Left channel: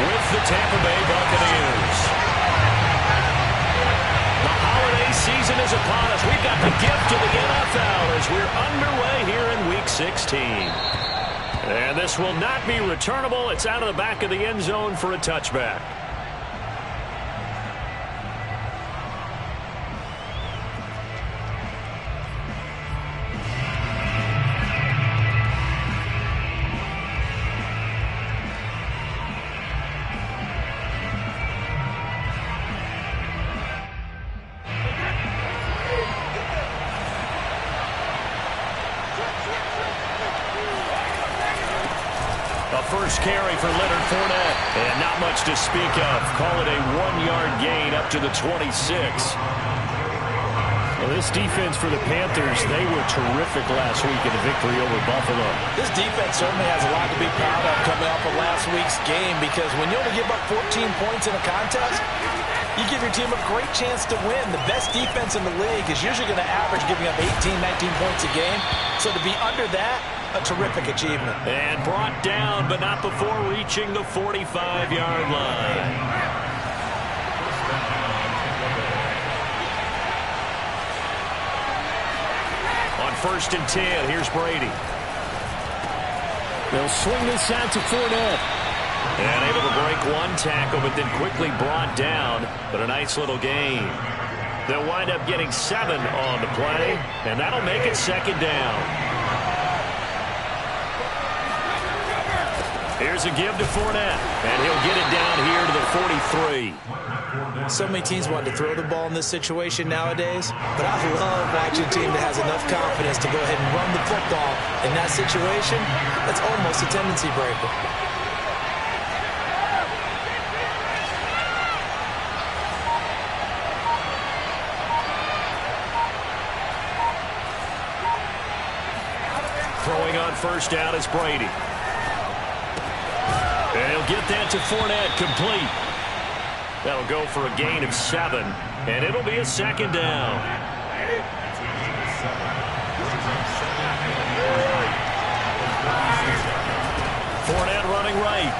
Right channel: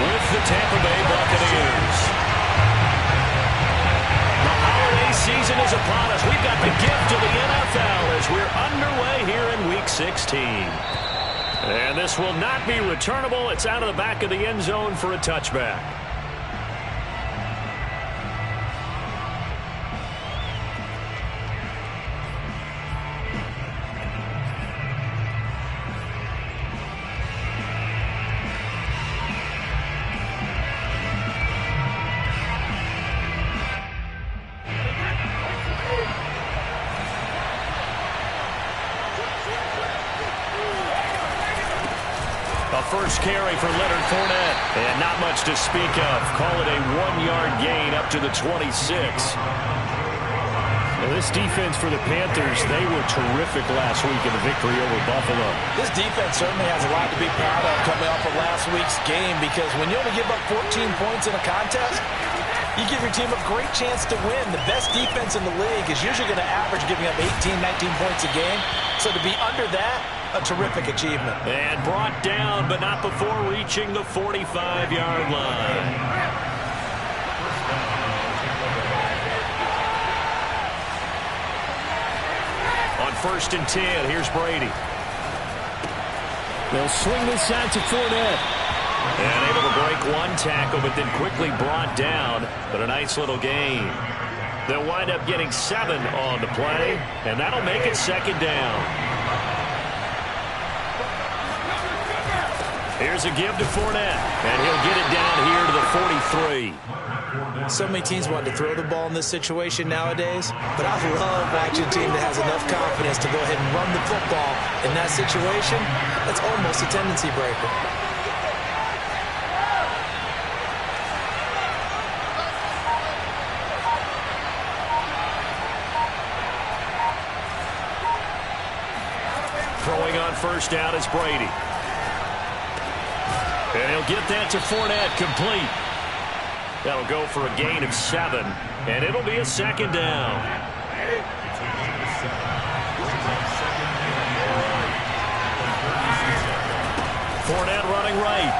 with the Tampa Bay Buccaneers. The holiday season is upon us. We've got the gift of the NFL as we're underway here in Week 16. And this will not be returnable. It's out of the back of the end zone for a touchback. A first carry for Leonard Fournette. And not much to speak of. Call it a 1-yard gain up to the 26. Well, this defense for the Panthers, they were terrific last week in the victory over Buffalo. This defense certainly has a lot to be proud of coming off of last week's game, because when you only give up 14 points in a contest, you give your team a great chance to win. The best defense in the league is usually going to average giving up 18, 19 points a game. So to be under that, a terrific achievement. And brought down, but not before reaching the 45-yard line. On 1st and 10, here's Brady. They'll swing this out to Fournette. And able to break one tackle, but then quickly brought down. But a nice little gain. They'll wind up getting 7 on the play, and that'll make it 2nd down. Here's a give to Fournette, and he'll get it down here to the 43. So many teams want to throw the ball in this situation nowadays, but I love watching a team that has enough confidence to go ahead and run the football in that situation. That's almost a tendency breaker. Throwing on 1st down is Brady. And he'll get that to Fournette, complete. That'll go for a gain of 7, and it'll be a 2nd down. Fournette running right.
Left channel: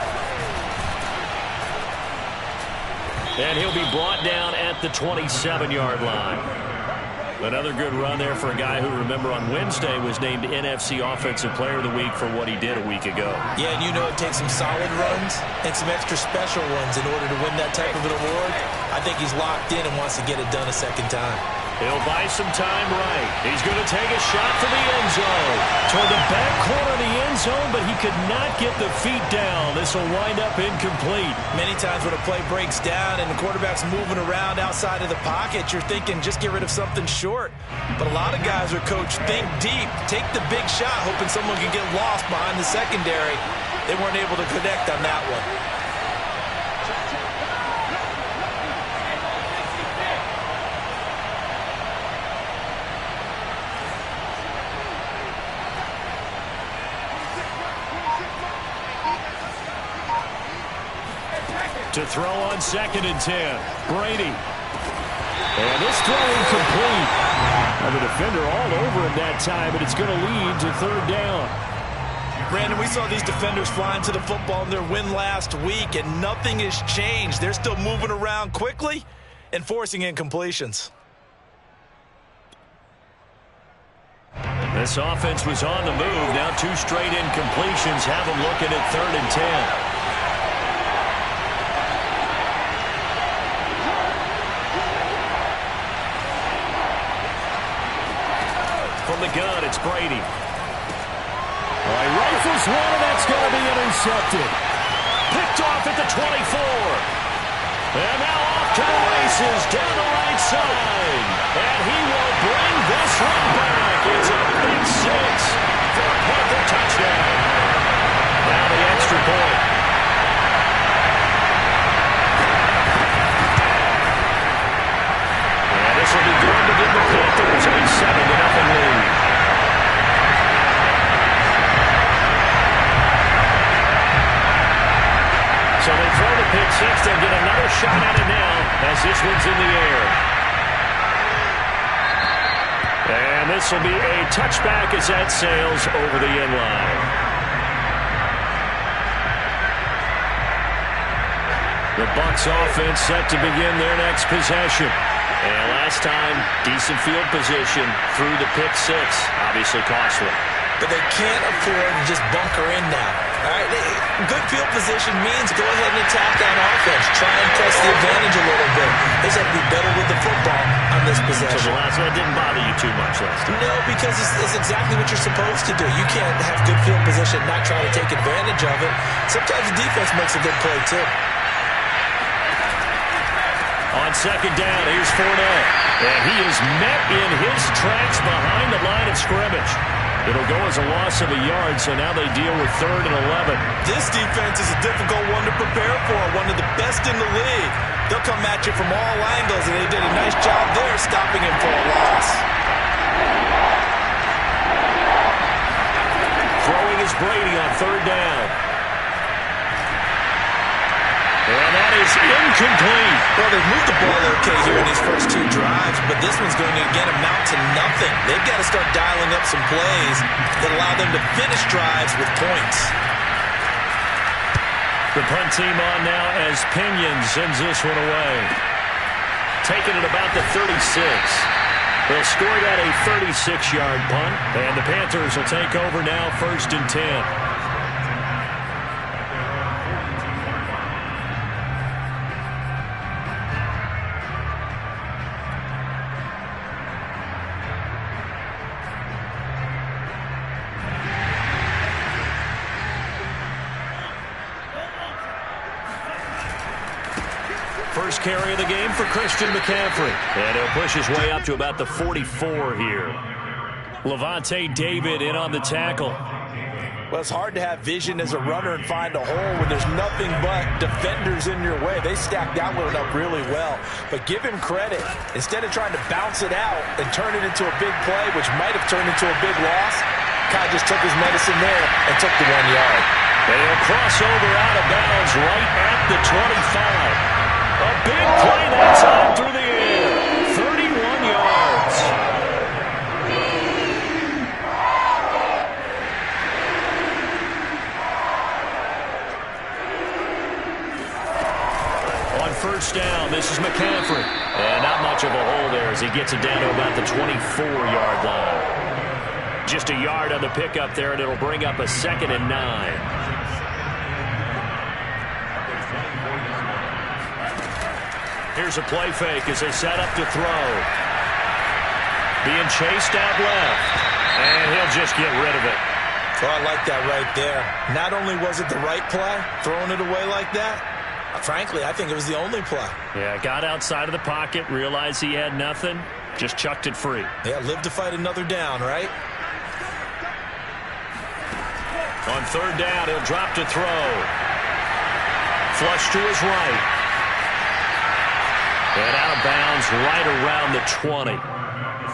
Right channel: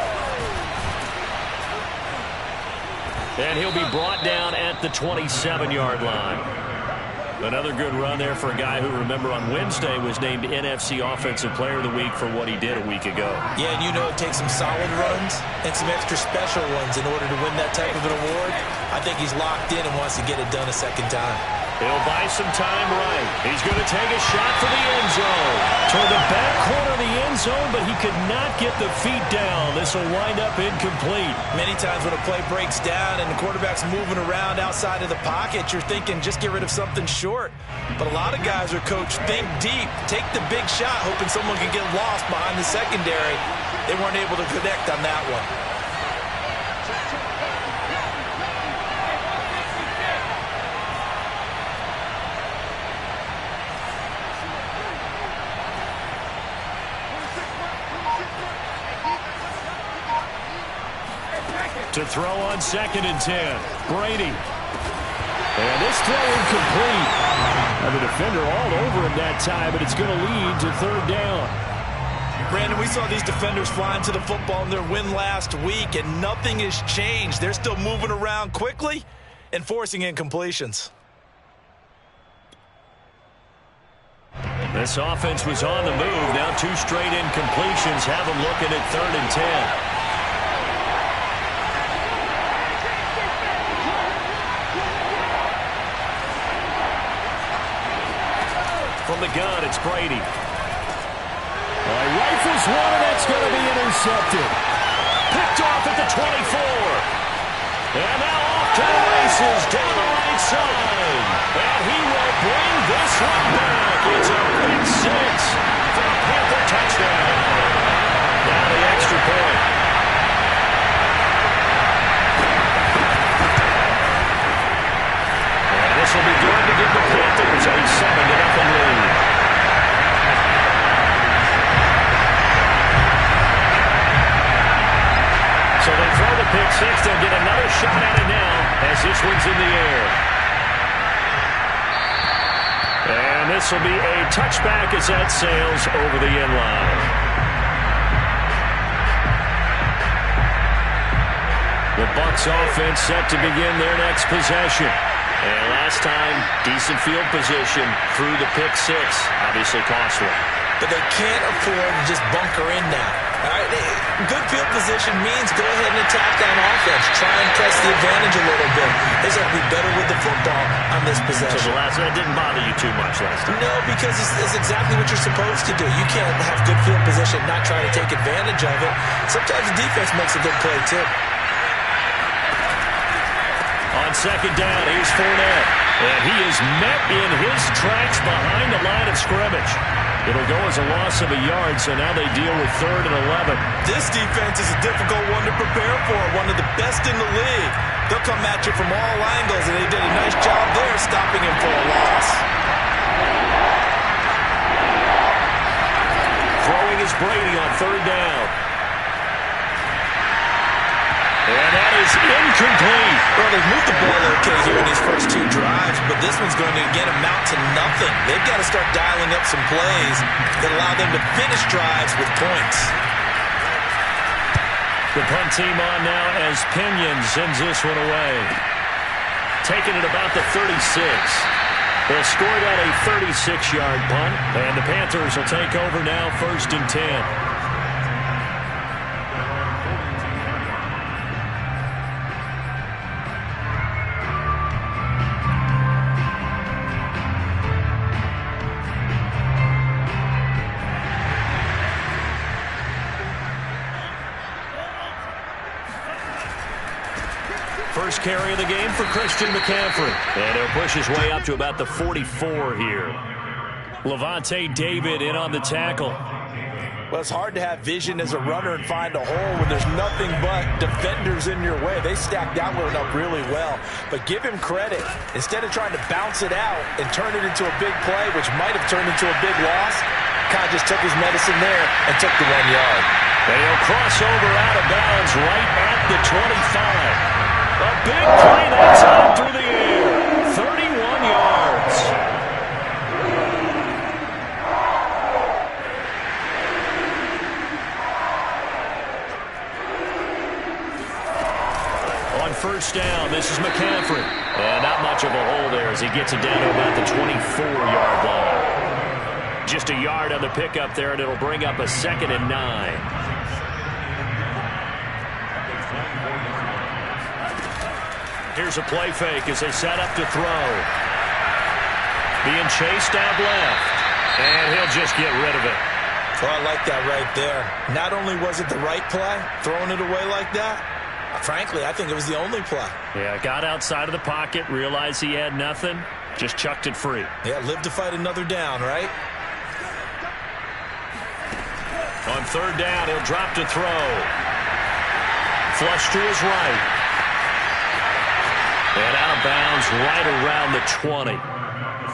And he'll be brought down at the 27-yard line. Another good run there for a guy who, remember, on Wednesday was named NFC Offensive Player of the Week for what he did a week ago. Yeah, and you know it takes some solid runs and some extra special ones in order to win that type of an award. I think he's locked in and wants to get it done a 2nd time. He'll buy some time right. He's going to take a shot for the end zone. Toward the back corner of the end zone, but he could not get the feet down. This will wind up incomplete. Many times when a play breaks down and the quarterback's moving around outside of the pocket, you're thinking just get rid of something short. But a lot of guys are coached, think deep, take the big shot, hoping someone can get lost behind the secondary. They weren't able to connect on that one. To throw on 2nd and 10. Brady. And this throw incomplete. And the defender all over him that time, but it's going to lead to 3rd down. Brandon, we saw these defenders flying to the football in their win last week, and nothing has changed. They're still moving around quickly and forcing incompletions. This offense was on the move. Now 2 straight incompletions have them looking at 3rd and 10. From the gun, it's Brady. All right, rifles one, and that's going to be intercepted. Picked off at the 24. And now off to the races down the right side. And he will bring this one back. It's a big 6 for a Panther touchdown. Now the extra point. And this will be good to give the Panthers a 7-0 lead. So they throw the pick 6. They'll get another shot at it now as this one's in the air. And this will be a touchback as that sails over the end line. The Bucs offense set to begin their next possession. And last time, decent field position through the pick six. Obviously costly. But they can't afford to just bunker in now. All right, good field position means go ahead and attack on offense. Try and press the advantage a little bit. They just have to be better with the football on this possession. So that didn't bother you too much last time? No, because it's exactly what you're supposed to do. You can't have good field position and not try to take advantage of it. Sometimes the defense makes a good play, too. On second down, here's Fournette. And he is met in his tracks behind the line of scrimmage. It'll go as a loss of a yard, so now they deal with 3rd and 11. This defense is a difficult one to prepare for, one of the best in the league. They'll come at you from all angles, and they did a nice job there stopping him for a loss. Throwing is Brady on 3rd down. And that is incomplete. Well, they've moved the ball okay here in these first 2 drives, but this one's going to, again, amount to nothing. They've got to start dialing up some plays that allow them to finish drives with points. The punt team on now as Pinion sends this one away. Taking it about the 36. They'll score that a 36-yard punt, and the Panthers will take over now 1st and 10. First carry of the game for Christian McCaffrey. And he'll push his way up to about the 44 here. Levante David in on the tackle. Well, it's hard to have vision as a runner and find a hole when there's nothing but defenders in your way. They stacked that one up really well. But give him credit. Instead of trying to bounce it out and turn it into a big play, which might have turned into a big loss, Kai just took his medicine there and took the 1 yard. And he'll cross over out of bounds right at the 25. A big play that time through the air. 31 yards. On 1st down, this is McCaffrey. And not much of a hole there as he gets it down to about the 24-yard line. Just a yard on the pickup there, and it'll bring up a 2nd and 9. Here's a play fake as they set up to throw. Being chased out left. And he'll just get rid of it. Oh, I like that right there. Not only was it the right play, throwing it away like that, frankly, I think it was the only play. Yeah, got outside of the pocket, realized he had nothing, just chucked it free. Yeah, live to fight another down, right? On 3rd down, he'll drop to throw. Flush to his right. And out of bounds right around the 20.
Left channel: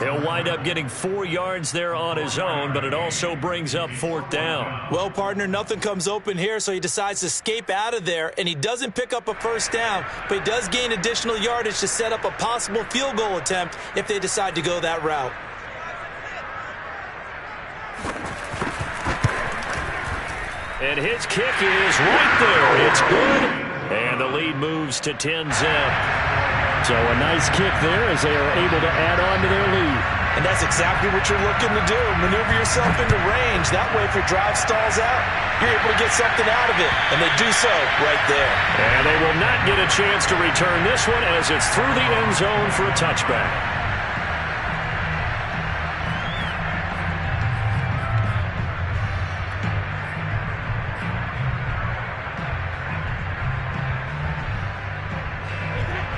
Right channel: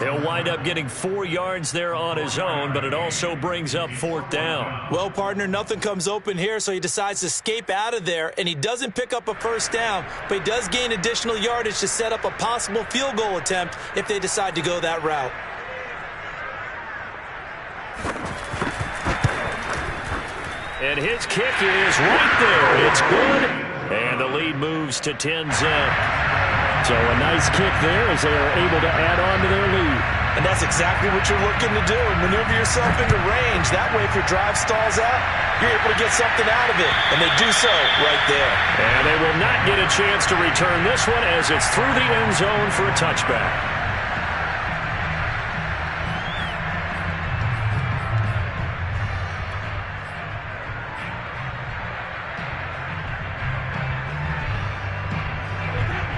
He'll wind up getting 4 yards there on his own, but it also brings up 4th down. Well, partner, nothing comes open here, so he decides to escape out of there, and he doesn't pick up a 1st down, but he does gain additional yardage to set up a possible field goal attempt if they decide to go that route. And his kick is right there. It's good, and the lead moves to 10-zip. So a nice kick there as they are able to add on to their lead. And that's exactly what you're looking to do. Maneuver yourself into range. That way, if your drive stalls out, you're able to get something out of it. And they do so right there. And they will not get a chance to return this one as it's through the end zone for a touchback.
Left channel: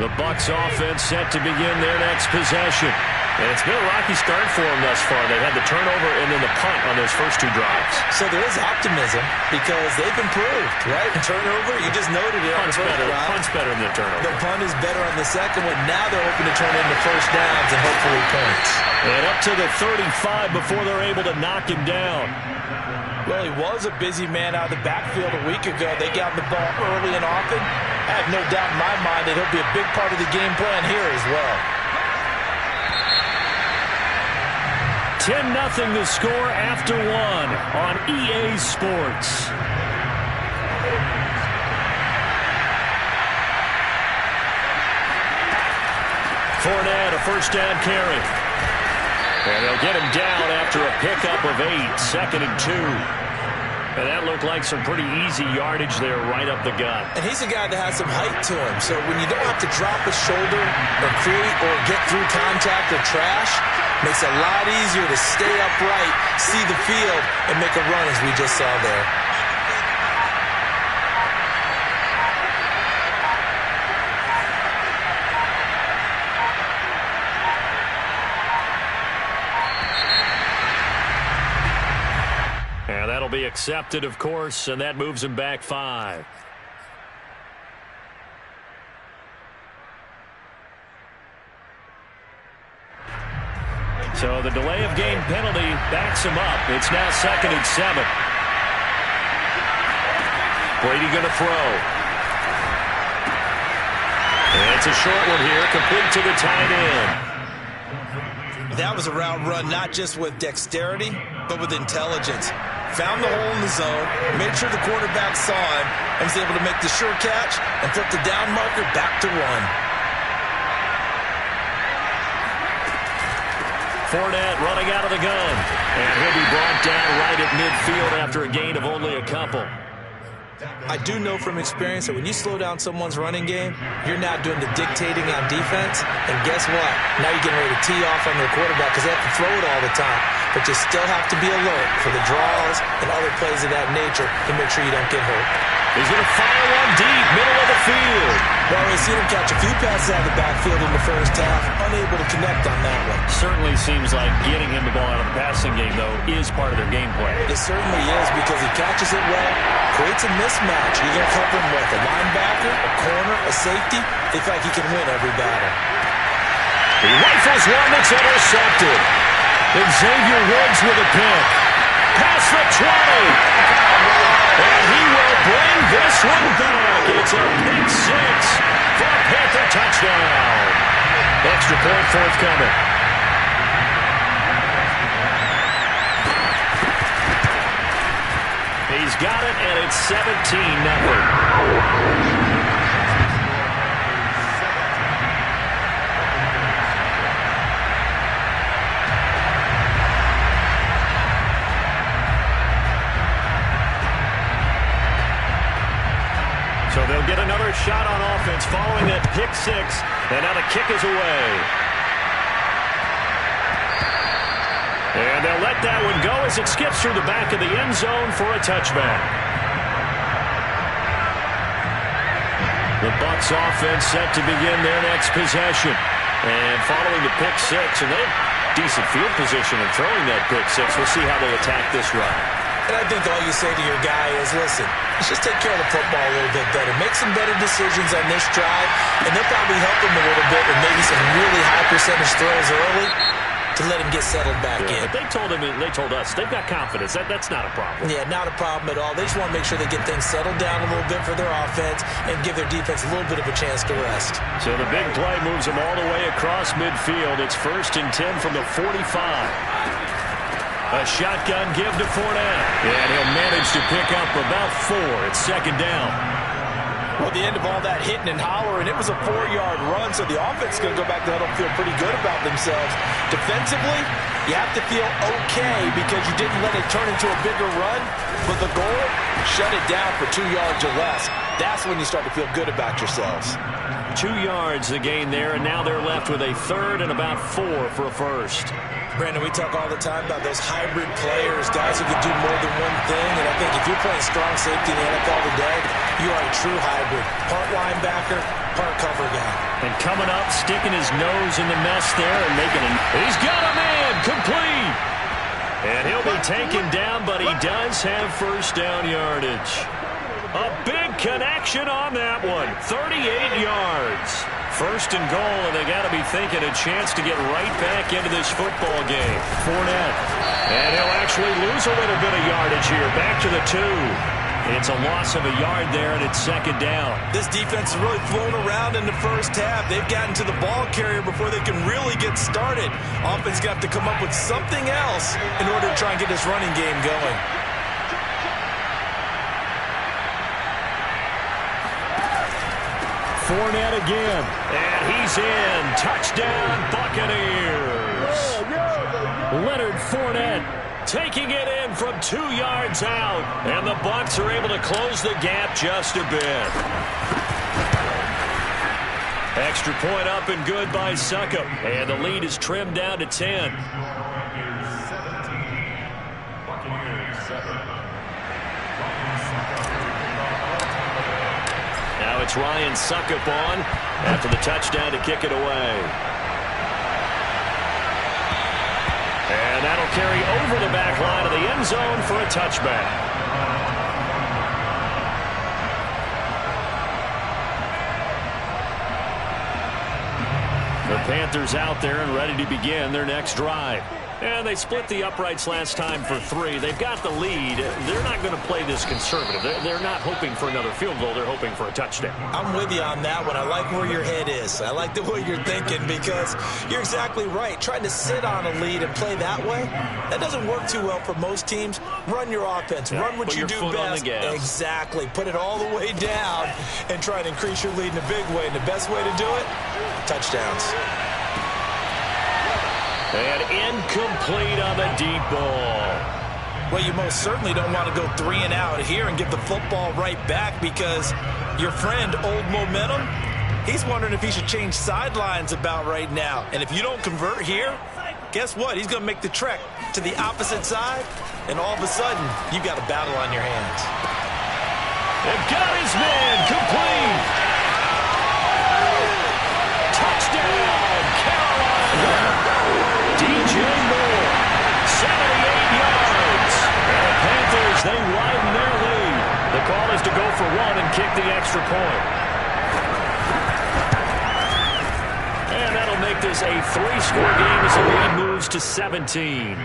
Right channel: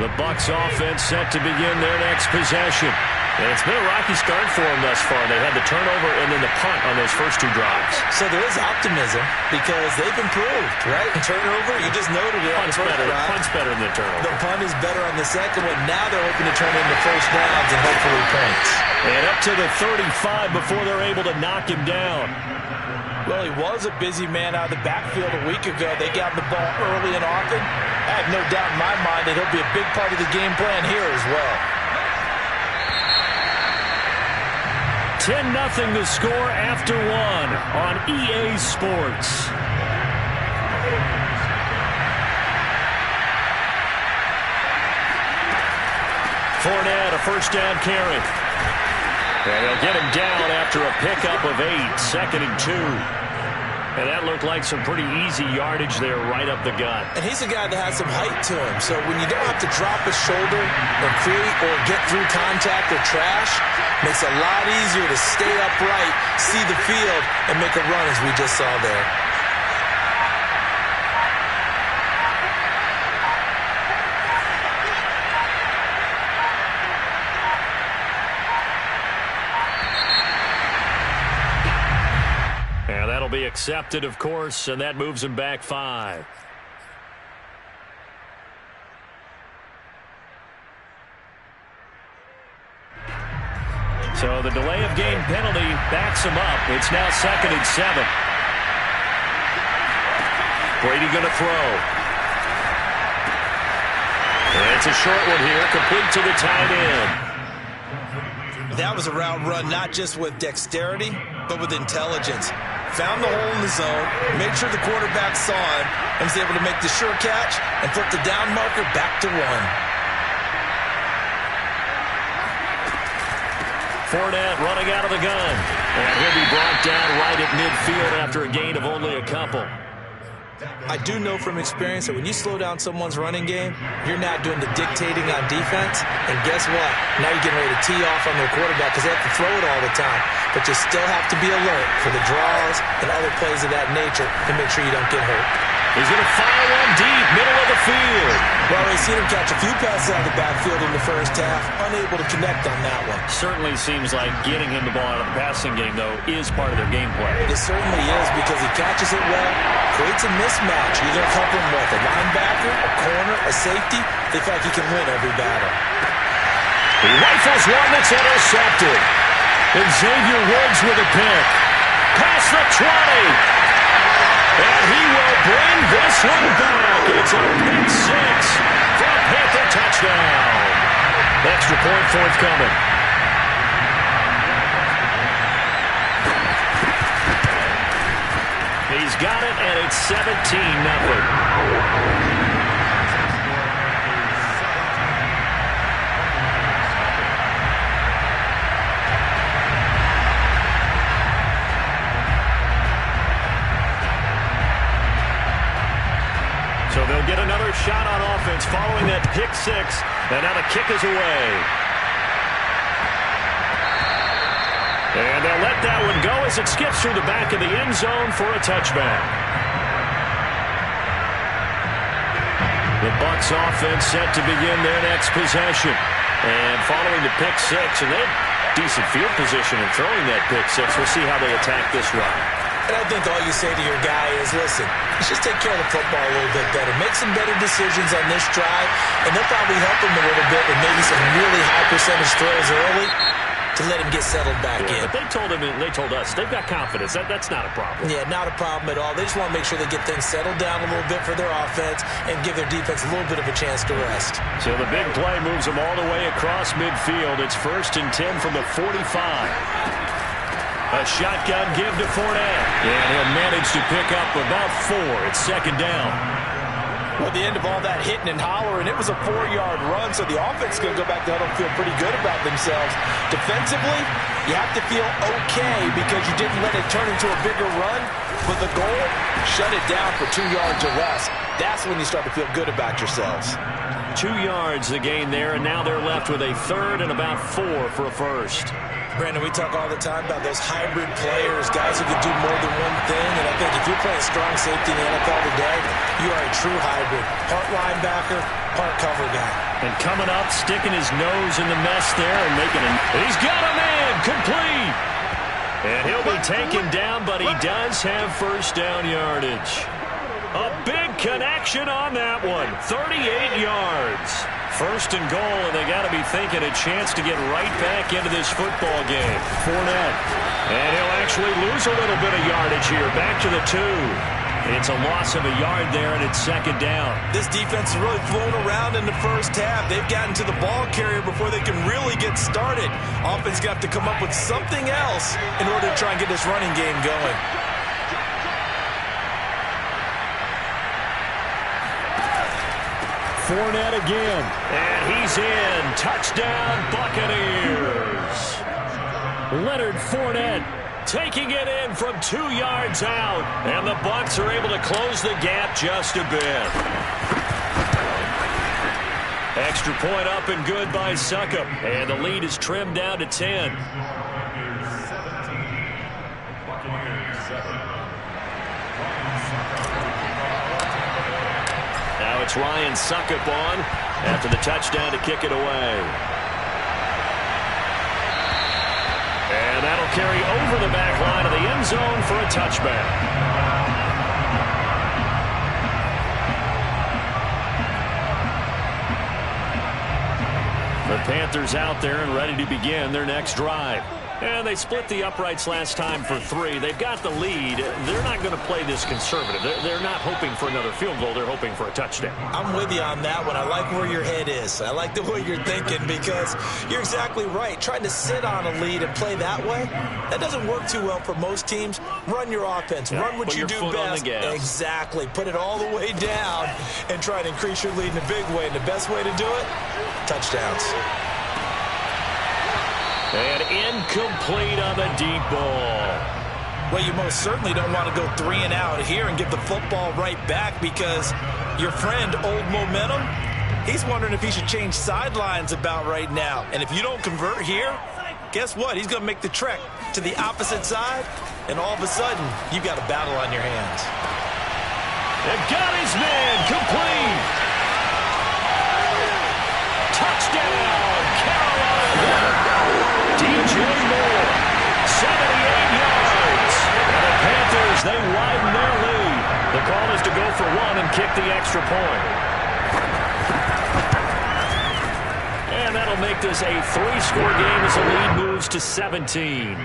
The Bucs offense set to begin their next possession. And it's been a rocky start for them thus far. They had the turnover and then the punt on those first 2 drives. So there is optimism because they've improved, right? Turnover, you just noted it. Punt's better than the turnover. The punt is better on the second one. Now they're hoping to turn into 1st downs and hopefully points. And up to the 35 before they're able to knock him down. Well, he was a busy man out of the backfield a week ago. They got the ball early and often. I have no doubt in my mind that he'll be a big part of the game plan here as well. 10-0 the score after 1 on EA Sports. Fournette, a first down carry. And they'll get him down after a pickup of 8, 2nd and 2. And that looked like some pretty easy yardage there right up the gut. And he's a guy that has some height to him. So when you don't have to drop a shoulder or create or get through contact or trash, makes it a lot easier to stay upright, see the field, and make a run as we just saw there. And that'll be accepted, of course, and that moves him back 5. So the delay of game penalty backs him up. It's now 2nd and 7. Brady going to throw. And it's a short one here, complete to the tight end. That was a route run not just with dexterity, but with intelligence. Found the hole in the zone, made sure the quarterback saw him, and was able to make the sure catch and flip the down marker back to 1. Fournette running out of the gun. And he'll be brought down right at midfield after a gain of only a couple. I do know from experience that when you slow down someone's running game, you're not doing the dictating on defense. And guess what? Now you're getting ready to tee off on their quarterback because they have to throw it all the time. But you still have to be alert for the draws and other plays of that nature to make sure you don't get hurt. He's going to fire one deep, middle of the field. Well, we've seen him catch a few passes out of the backfield in the first half, unable to connect on that one. Certainly seems like getting him the ball out of the passing game, though, is part of their game plan. It certainly is because he catches it well, creates a mismatch. You're going to cover him with a linebacker, a corner, a safety. They feel like he can win every battle. He rifles one that's intercepted. And Xavier Woods with a pick. Past the 20. And he will bring this one back. It's a pick 6 for a Panther touchdown. Extra point forthcoming. He's got it, and it's 17-0. So they'll get another shot on offense following that pick 6. And now the kick is away. And they'll let that one go as it skips through the back of the end zone for a touchback. The Bucs offense set to begin their next possession. And following the pick 6, and they have decent field position in throwing that pick 6. We'll see how they attack this run. And I think all you say to your guy is, listen, let's just take care of the football a little bit better. Make some better decisions on this drive, and they'll probably help him a little bit with maybe some really high percentage throws early to let him get settled back in. But they told him, and they told us, they've got confidence. That's not a problem. Yeah, not a problem at all. They just want to make sure they get things settled down a little bit for their offense and give their defense a little bit of a chance to rest. So the big play moves them all the way across midfield. It's 1st and 10 from the 45. A shotgun give to Fournette. And he'll manage to pick up about 4. It's 2nd down. Well, at the end of all that hitting and hollering, it was a 4-yard run, so the offense is going to go back to huddle and feel pretty good about themselves. Defensively, you have to feel okay because you didn't let it turn into a bigger run, but the goal, shut it down for 2 yards or less. That's when you start to feel good about yourselves. 2 yards the gain there, and now they're left with a 3rd and about 4 for a first. Brandon, we talk all the time about those hybrid players, guys who can do more than one thing, and I think if you're playing strong safety in the NFL today, you are a true hybrid. Part linebacker, part cover guy. And coming up, sticking his nose in the mess there and making it. He's got a man, complete. And he'll be taken down, but he does have first down yardage. A big connection on that one, 38 yards. 1st and goal, and they got to be thinking a chance to get right back into this football game. Fournette. And he'll actually lose a little bit of yardage here. Back to the 2. It's a loss of a yard there, and it's 2nd down. This defense has really flown around in the first half. They've gotten to the ball carrier before they can really get started. Offense got to come up with something else in order to try and get this running game going. Fournette again. And he's in. Touchdown, Buccaneers. Leonard Fournette taking it in from 2 yards out. And the Bucs are able to close the gap just a bit. Extra point up and good by Succop. And the lead is trimmed down to 10. Now it's Ryan Succop on after the touchdown to kick it away. And that'll carry over the back line of the end zone for a touchback. The Panthers out there and ready to begin their next drive. And they split the uprights last time for 3. They've got the lead. They're not going to play this conservative. They're not hoping for another field goal. They're hoping for a touchdown. I'm with you on that one. I like where your head is. I like the way you're thinking because you're exactly right. Trying to sit on a lead and play that way, that doesn't work too well for most teams. Run your offense. Run what you do best. Exactly. Put it all the way down and try to increase your lead in a big way. And the best way to do it, touchdowns. And incomplete on the deep ball. Well, you most certainly don't want to go 3 and out here and give the football right back because your friend, Old Momentum, he's wondering if he should change sidelines about right now. And if you don't convert here, guess what? He's going to make the trek to the opposite side, and all of a sudden, you've got a battle on your hands. They've got his man complete. Touchdown, Carolina. DJ Moore, 78 yards. And the Panthers, they widen their lead. The call is to go for 1 and kick the extra point. And that'll make this a 3-score game as the lead moves to 17.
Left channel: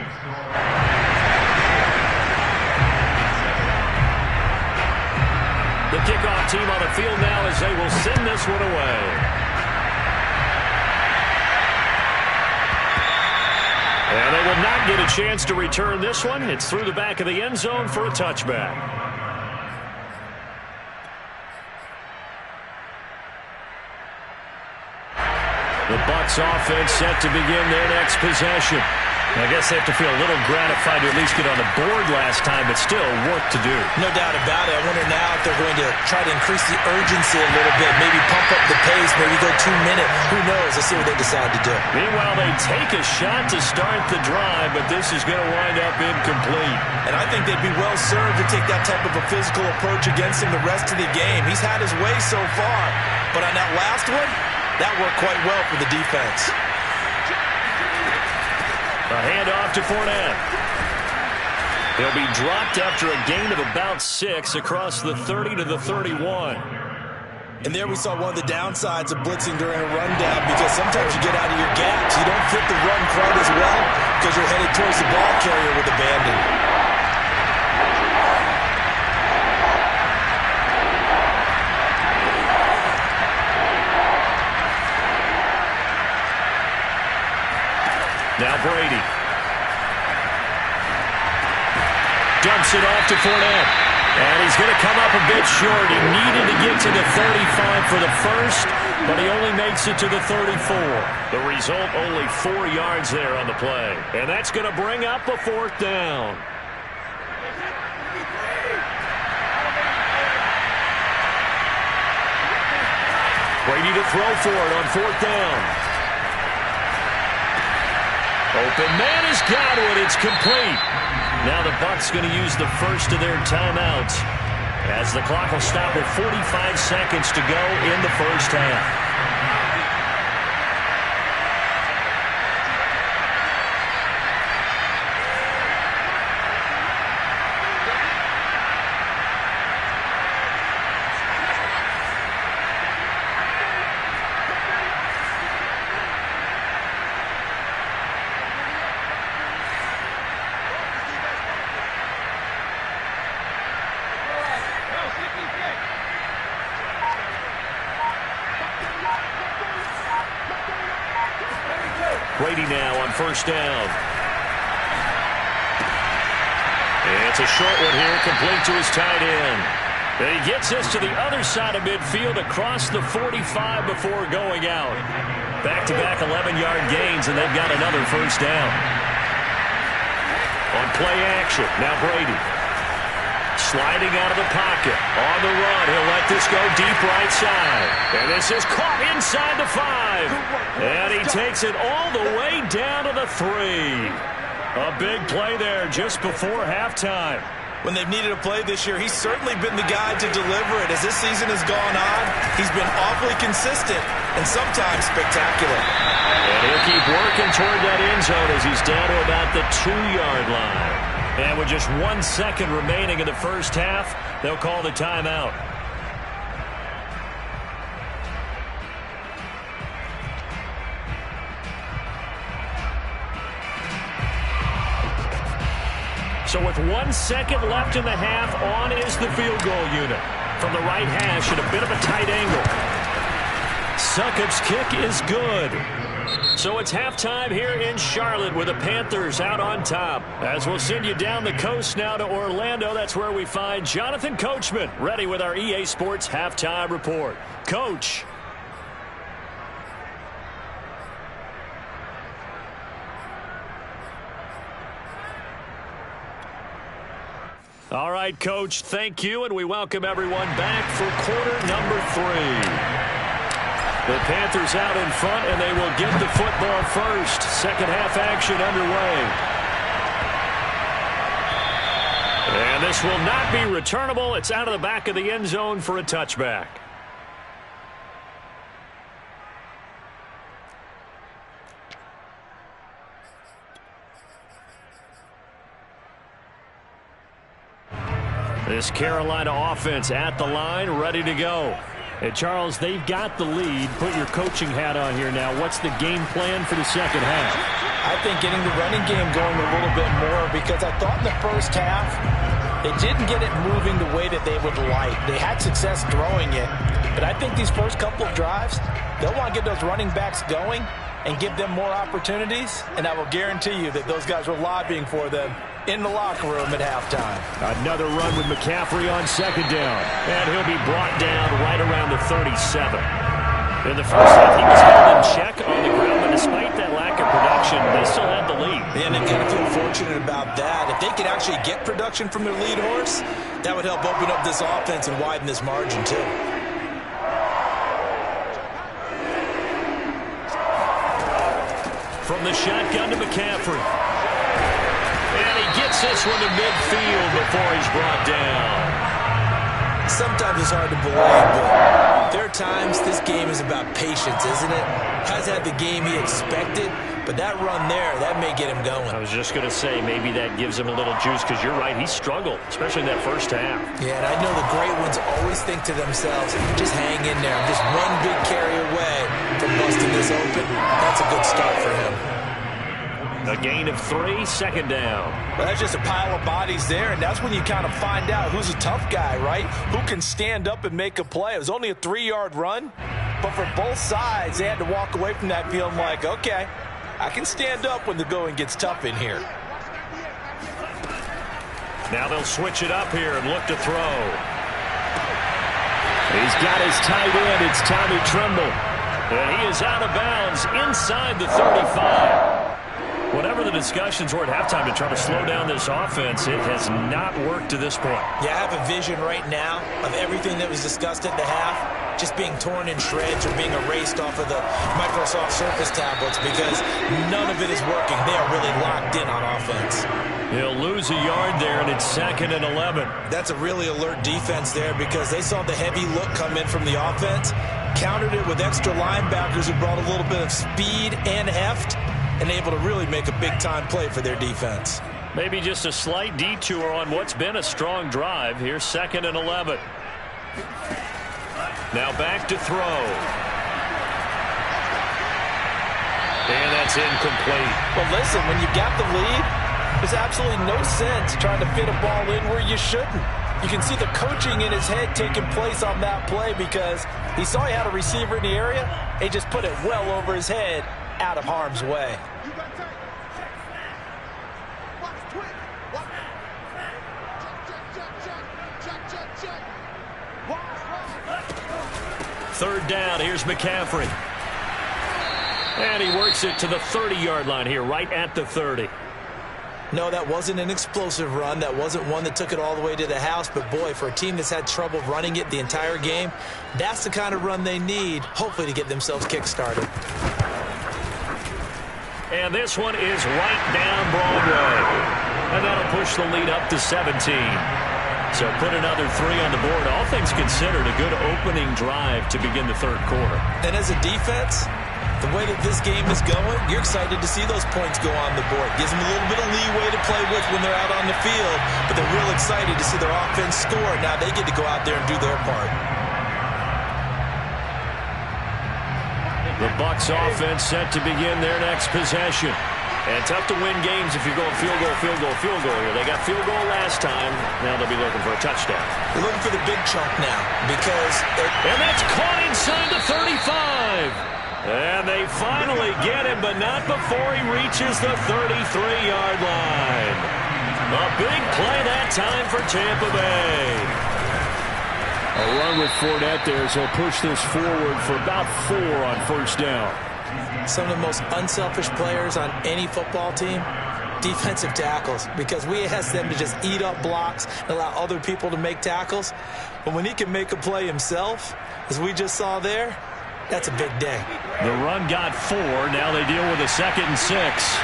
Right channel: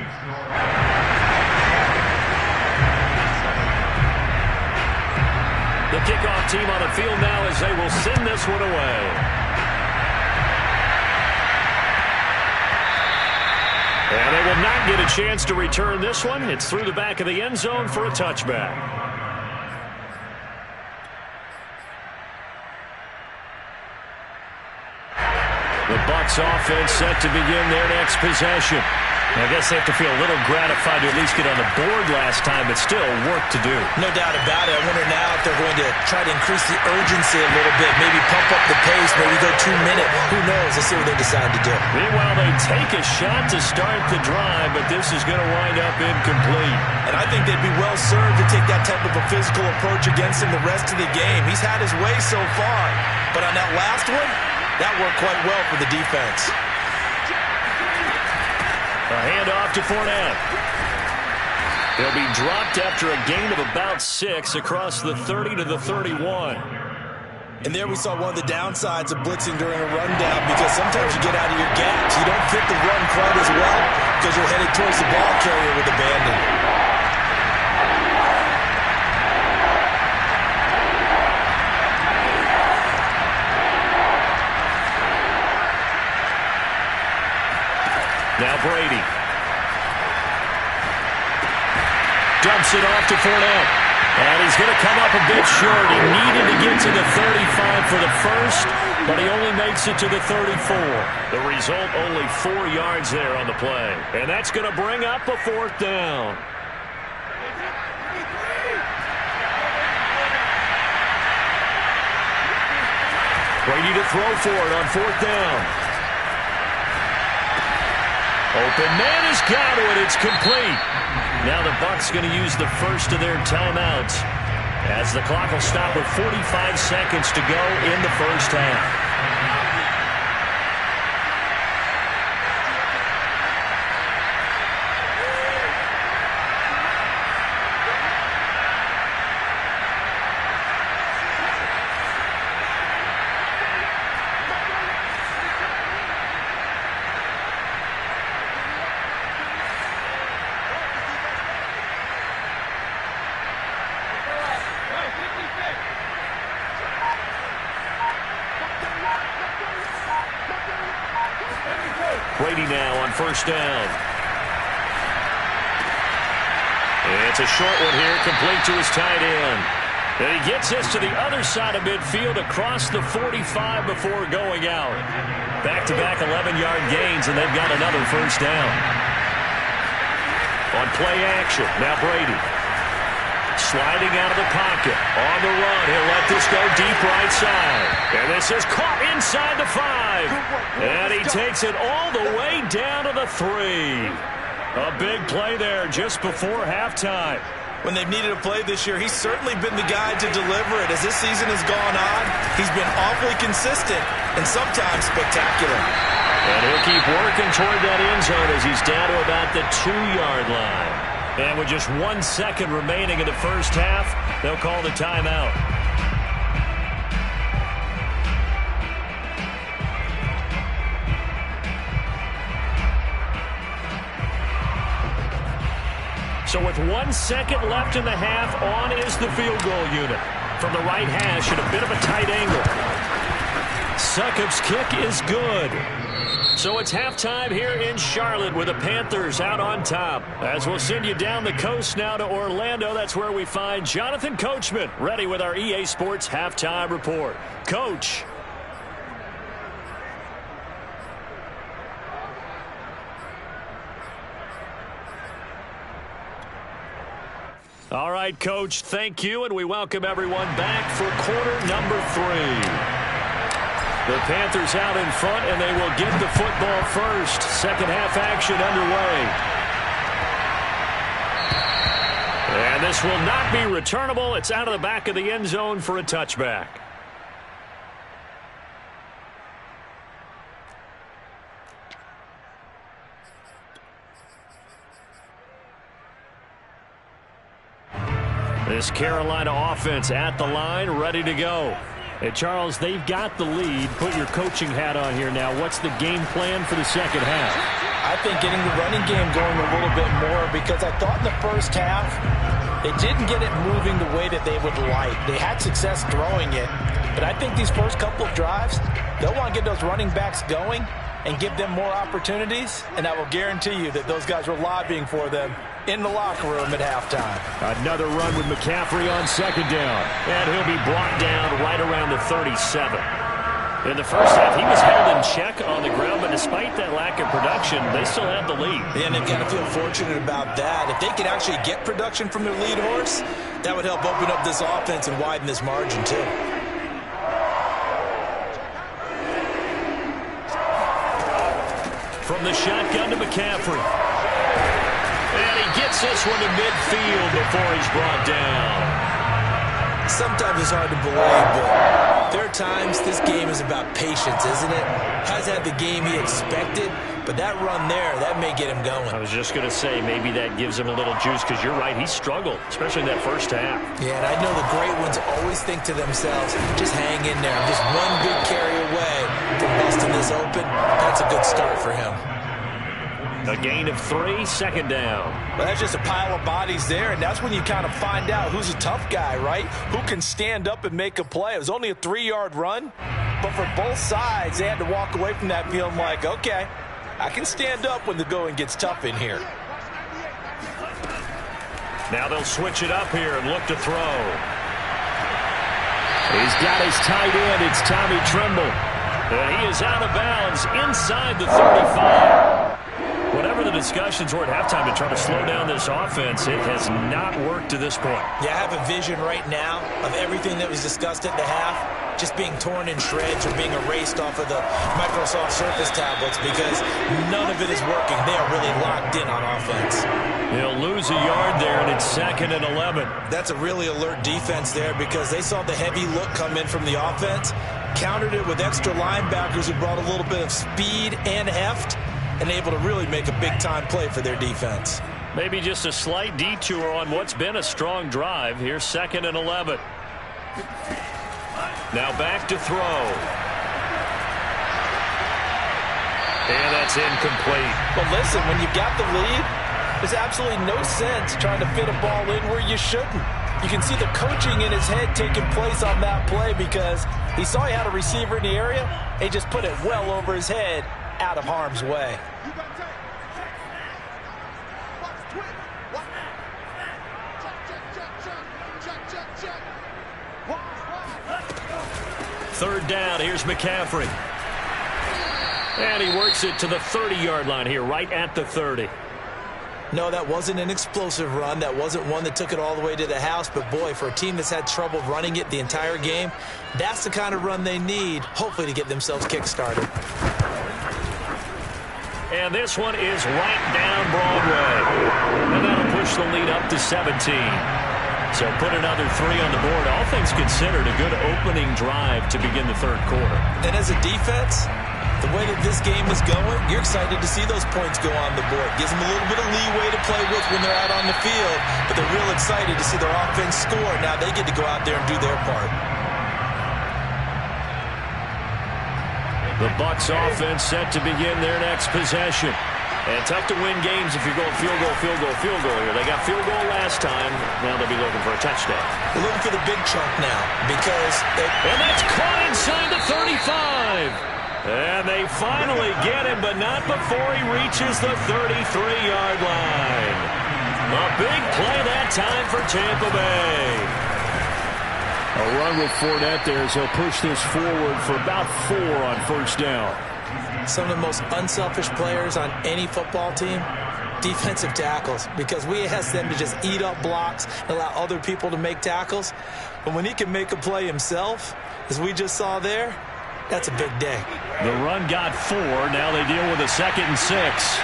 The kickoff team on the field now as they will send this one away. And they will not get a chance to return this one. It's through the back of the end zone for a touchback. The Bucs offense set to begin their next possession. I guess they have to feel a little gratified to at least get on the board last time, but still work to do. No doubt about it. I wonder now if they're going to try to increase the urgency a little bit, maybe pump up the pace, maybe go 2-minute. Who knows? Let's see what they decide to do. Meanwhile, they take a shot to start the drive, but this is going to wind up incomplete. And I think they'd be well served to take that type of a physical approach against him the rest of the game. He's had his way so far, but on that last one, that worked quite well for the defense. A handoff to Fournette. He'll be dropped after a gain of about 6 across the 30 to the 31. And there we saw one of the downsides of blitzing during a rundown because sometimes you get out of your gaps. You don't fit the run quite as well because you're headed towards the ball carrier with abandon. Now Brady. Dumps it off to Fournette. And he's going to come up a bit short. He needed to get to the 35 for the first, but he only makes it to the 34. The result, only 4 yards there on the play. And that's going to bring up a 4th down. Brady to throw for it on 4th down. Open man has got it. It's complete. Now the Bucs going to use the first of their timeouts as the clock will stop with 45 seconds to go in the first half. Brady now on 1st down. It's a short one here, complete to his tight end. And he gets this to the other side of midfield across the 45 before going out. Back-to-back 11-yard gains, and they've got another first down. On play action, now Brady. Sliding out of the pocket. On the run, he'll let this go deep right side. And this is caught inside the 5. And he takes it all the way down to the 3. A big play there just before halftime. When they've needed a play this year, he's certainly been the guy to deliver it. As this season has gone on, he's been awfully consistent and sometimes spectacular. And he'll keep working toward that end zone as he's down to about the 2-yard line. And with just 1 second remaining in the first half, they'll call the timeout. So with 1 second left in the half, on is the field goal unit. From the right hash at a bit of a tight angle. Succop's kick is good. So it's halftime here in Charlotte with the Panthers out on top. As we'll send you down the coast now to Orlando, that's where we find Jonathan Coachman ready with our EA Sports Halftime Report. Coach. All right, Coach, thank you, and we welcome everyone back for quarter number 3. The Panthers out in front, and they will get the football first. Second half action underway. And this will not be returnable. It's out of the back of the end zone for a touchback. This Carolina offense at the line, ready to go. And Charles, they've got the lead. Put your coaching hat on here now. What's the game plan for the second half? I think getting the running game going a little bit more, because I thought in the first half they didn't get it moving the way that they would like. They had success throwing it, but I think these first couple of drives, they'll want to get those running backs going and give them more opportunities, and I will guarantee you that those guys were lobbying for them in the locker room at halftime. Another run with McCaffrey on second down, and he'll be brought down right around the 37. In the first half, he was held in check on the ground, but despite that lack of production, they still had the lead. And they've got to feel fortunate about that. If they could actually get production from their lead horse, that would help open up this offense and widen this margin too. From the shotgun to McCaffrey. And he gets this one to midfield before he's brought down. Sometimes it's hard to believe, but there are times this game is about patience, isn't it? Hasn't had the game he expected, but that run there, that may get him going. I was just going to say, maybe that gives him a little juice, because you're right, he struggled, especially in that first half. Yeah, and I know the great ones always think to themselves, just hang in there. I'm just one big carry away from busting this open. That's a good start for him. A gain of 3, second down. Well, that's just a pile of bodies there, and that's when you kind of find out who's a tough guy, right? Who can stand up and make a play. It was only a 3-yard run, but for both sides, they had to walk away from that feeling like, okay, I can stand up when the going gets tough in here. Now they'll switch it up here and look to throw. He's got his tight end. It's Tommy Tremble. And he is out of bounds inside the 35. Whatever the discussions were at halftime to try to slow down this offense, it has not worked to this point. Yeah, I have a vision right now of everything that was discussed at the half just being torn in shreds or being erased off of the Microsoft Surface tablets, because none of it is working. They are really locked in on offense. He'll lose a yard there, and it's 2nd and 11. That's a really alert defense there, because they saw the heavy look come in from the offense, countered it with extra linebackers who brought a little bit of speed and heft, and able to really make a big-time play for their defense. Maybe just a slight detour on what's been a strong drive. Here's 2nd and 11. Now back to throw. And that's incomplete. Well, listen, when you've got the lead, there's absolutely no sense trying to fit a ball in where you shouldn't. You can see the coaching in his head taking place on that play, because he saw he had a receiver in the area, and he just put it well over his head, out of harm's way. Third down. Here's McCaffrey. And he works it to the 30-yard line here, right at the 30. No, that wasn't an explosive run. That wasn't one that took it all the way to the house. But, boy, for a team that's had trouble running it the entire game, that's the kind of run they need, hopefully, to get themselves kick-started. And this one is right down Broadway. And that'll push the lead up to 17. So put another 3 on the board. All things considered, a good opening drive to begin the third quarter. And as a defense, the way that this game is going, you're excited to see those points go on the board. Gives them a little bit of leeway to play with when they're out on the field, but they're real excited to see their offense score. Now they get to go out there and do their part. The Bucs offense set to begin their next possession. And tough to win games if you're going field goal, field goal, field goal here. They got field goal last time. Now they'll be looking for a touchdown. They're looking for the big chunk now because... And that's caught inside the 35. And they finally get him, but not before he reaches the 33-yard line. A big play that time for Tampa Bay. A run with Fournette there as he'll push this forward for about 4 on first down. Some of the most unselfish players on any football team, defensive tackles, because we ask them to just eat up blocks and allow other people to make tackles. But when he can make a play himself, as we just saw there, that's a big day. The run got 4. Now they deal with a 2nd and 6.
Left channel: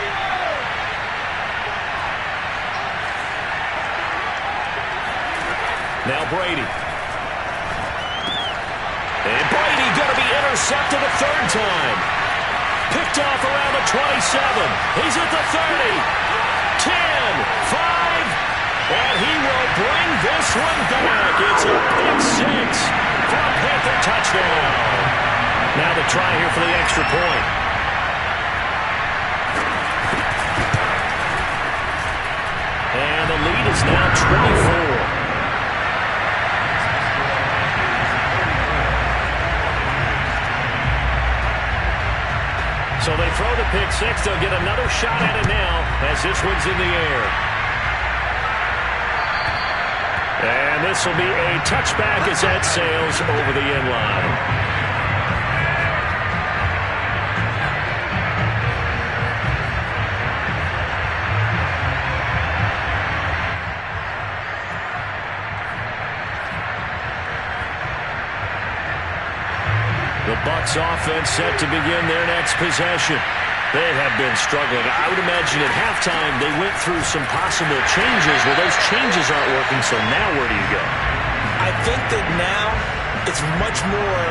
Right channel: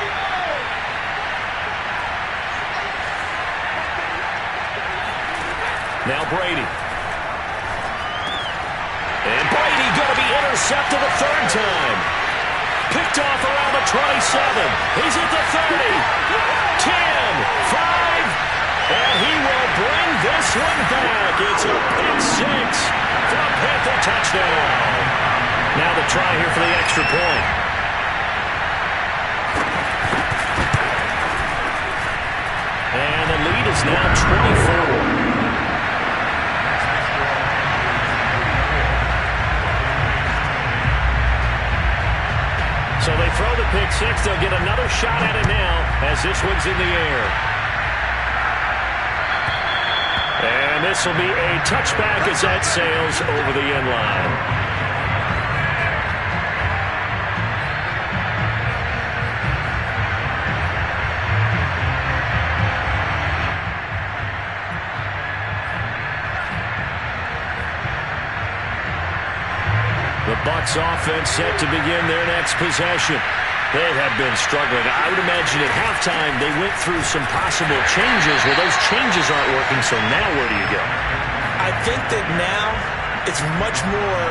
Now Brady. And Brady going to be intercepted a 3rd time. Picked off around the 27. He's at the 30. 10, 5, and he will bring this one back. It's a pick 6 for a Panther touchdown. Now the try here for the extra point. And the lead is now 24. So they throw the pick 6. They'll get another shot at it now as this one's in the air. And this will be a touchback as that sails over the end line. The Bucs offense set to begin their next possession. They have been struggling. I would imagine at halftime they went through some possible changes. Well, those changes aren't working, so now where do you go? I think that now it's much more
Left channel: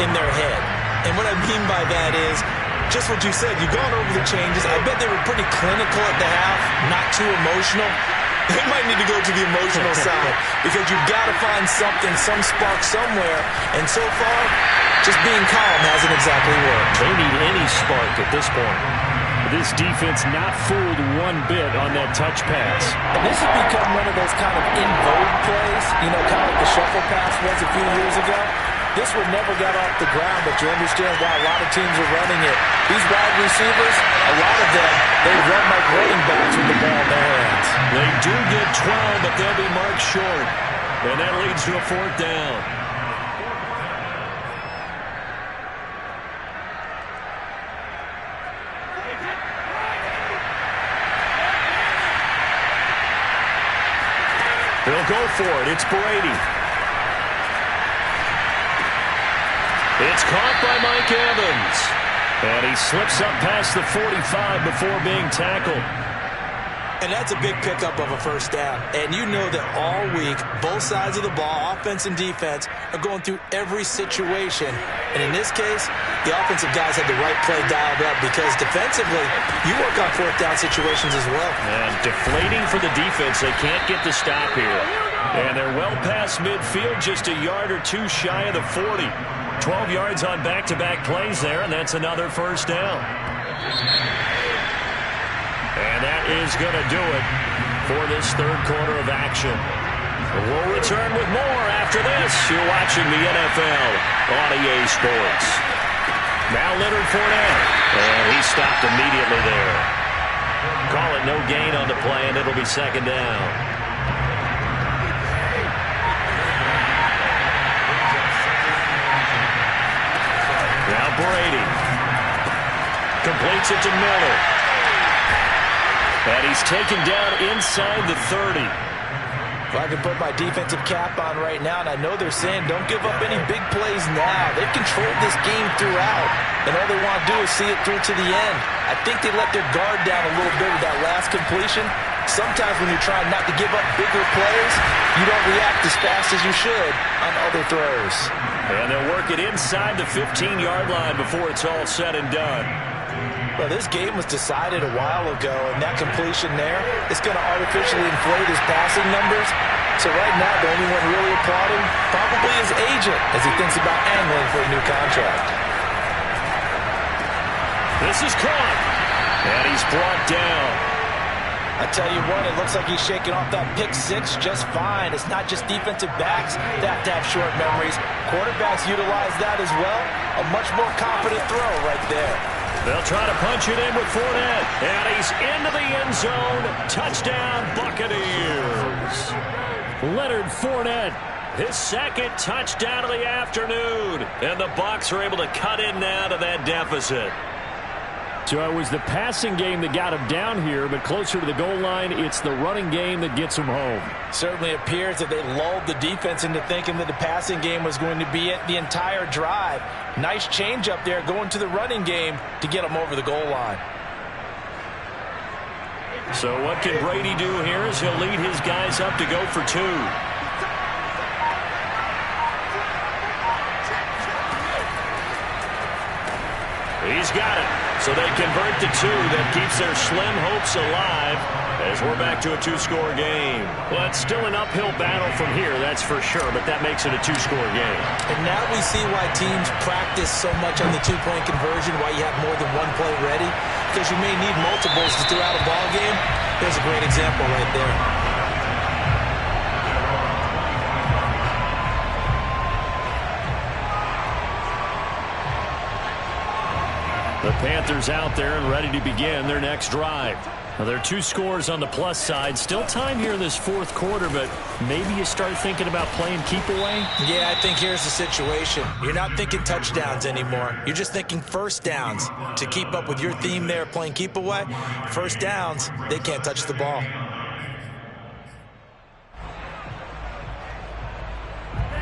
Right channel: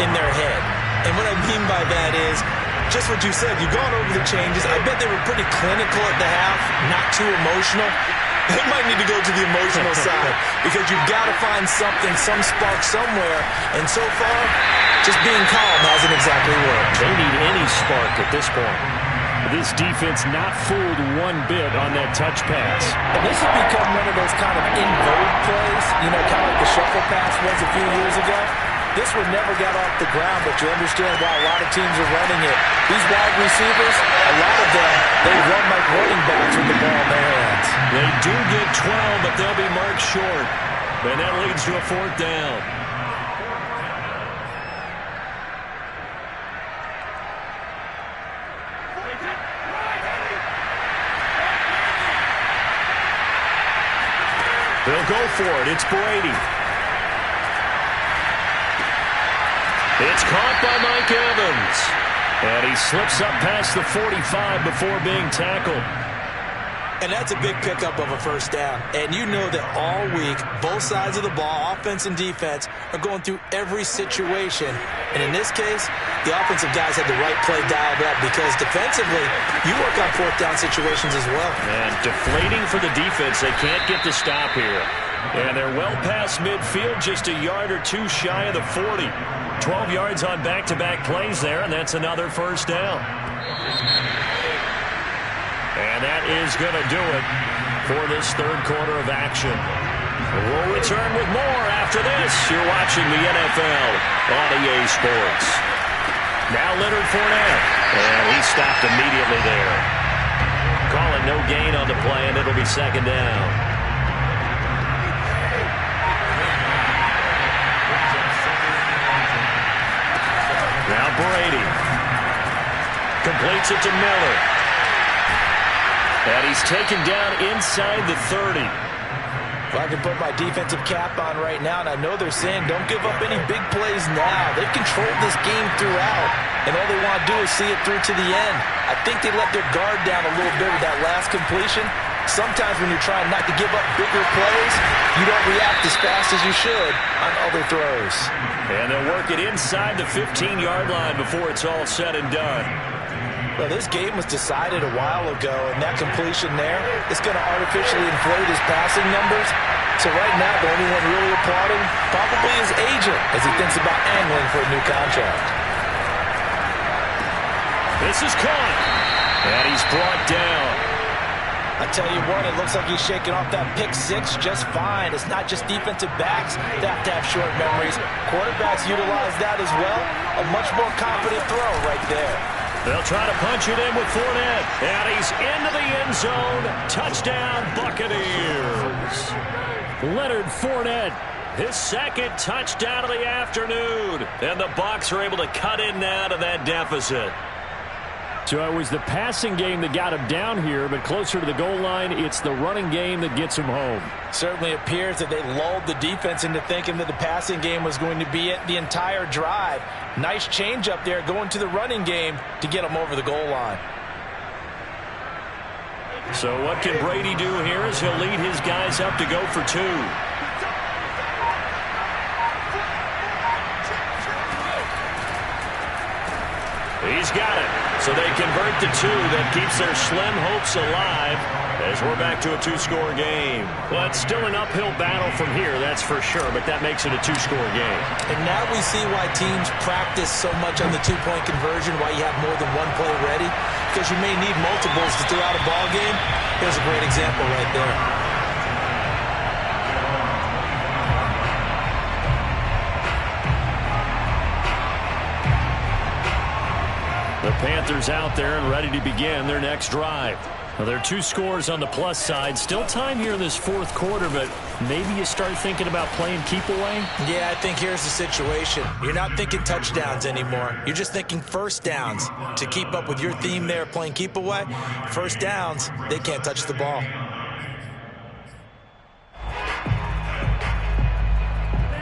in their head. And what I mean by that is just what you said. You've gone over the changes. I bet they were pretty clinical at the half, not too emotional. They might need to go to the emotional side because you've got to find something, some spark somewhere. And so far, just being calm hasn't exactly worked. They need any spark at this point. This defense not fooled one bit on that touch pass. And this has become one of those kind of in vogue plays, you know, kind of like the shuffle pass was a few years ago. This one never got off the ground, but you understand why a lot of teams are running it. These wide receivers, a lot of them, they run like running backs with the ball in their hands. They do get 12, but they'll be marked short. And that leads to a 4th down. They'll go for it. It's Brady. It's caught by Mike Evans. And he slips up past the 45 before being tackled. And that's a big pickup of a first down. And you know that all week, both sides of the ball, offense and defense, are going through every situation. And in this case, the offensive guys had the right play dialed up because defensively, you work on 4th down situations as well. And deflating for the defense. They can't get the stop here. And they're well past midfield, just a yard or 2 shy of the 40. 12 yards on back-to-back plays there, and that's another first down. And that is going to do it for this third quarter of action. We'll return with more after this. You're watching the NFL on EA Sports. Now Leonard Fournette, and he stopped immediately there. Call it no gain on the play, and it'll be 2nd down. Brady. Completes it to Miller. And he's taken down inside the 30. If I can put my defensive cap on right now, and I know they're saying don't give up any big plays now. They've controlled this game throughout, and all they want to do is see it through to the end. I think they let their guard down a little bit with that last completion. Sometimes when you're trying not to give up bigger plays, you don't react as fast as you should on other throws. And they'll work it inside the 15-yard line before it's all said and done. Well, this game was decided a while ago, and that completion there is going to artificially inflate his passing numbers. So right now, the only one really applauding probably his agent as he thinks about angling for a new contract. This is caught, and he's brought down. I tell you what, it looks like he's shaking off that pick six just fine. It's not just defensive backs that have to have short memories. Quarterbacks utilize that as well. A much more confident throw right there. They'll try to punch it in with Fournette. And he's into the end zone. Touchdown, Buccaneers. Leonard Fournette, his second touchdown of the afternoon. And the Bucs are able to cut in now to that deficit. So it was the passing game that got him down here, but closer to the goal line, it's the running game that gets him home. Certainly appears that they lulled the defense into thinking that the passing game was going to be it the entire drive. Nice change up there going to the running game to get him over the goal line. So what can Brady do here as he'll lead his guys up to go for two? He's got it. So they convert to two. That keeps their slim hopes alive as we're back to a two-score game. Well, it's still an uphill battle from here, that's for sure, but that makes it a two-score game. And now we see why teams practice so much on the two-point conversion, why you have more than one play ready, because you may need multiples to throw out a ball game. Here's a great example right there. The Panthers out there and ready to begin their next drive. Now, there are two scores on the plus side. Still time here in this fourth quarter, but maybe you start thinking about playing keep away? Yeah, I think here's the situation. You're not thinking touchdowns anymore. You're just thinking first downs. To keep up with your theme there, playing keep away, first downs, they can't touch the ball.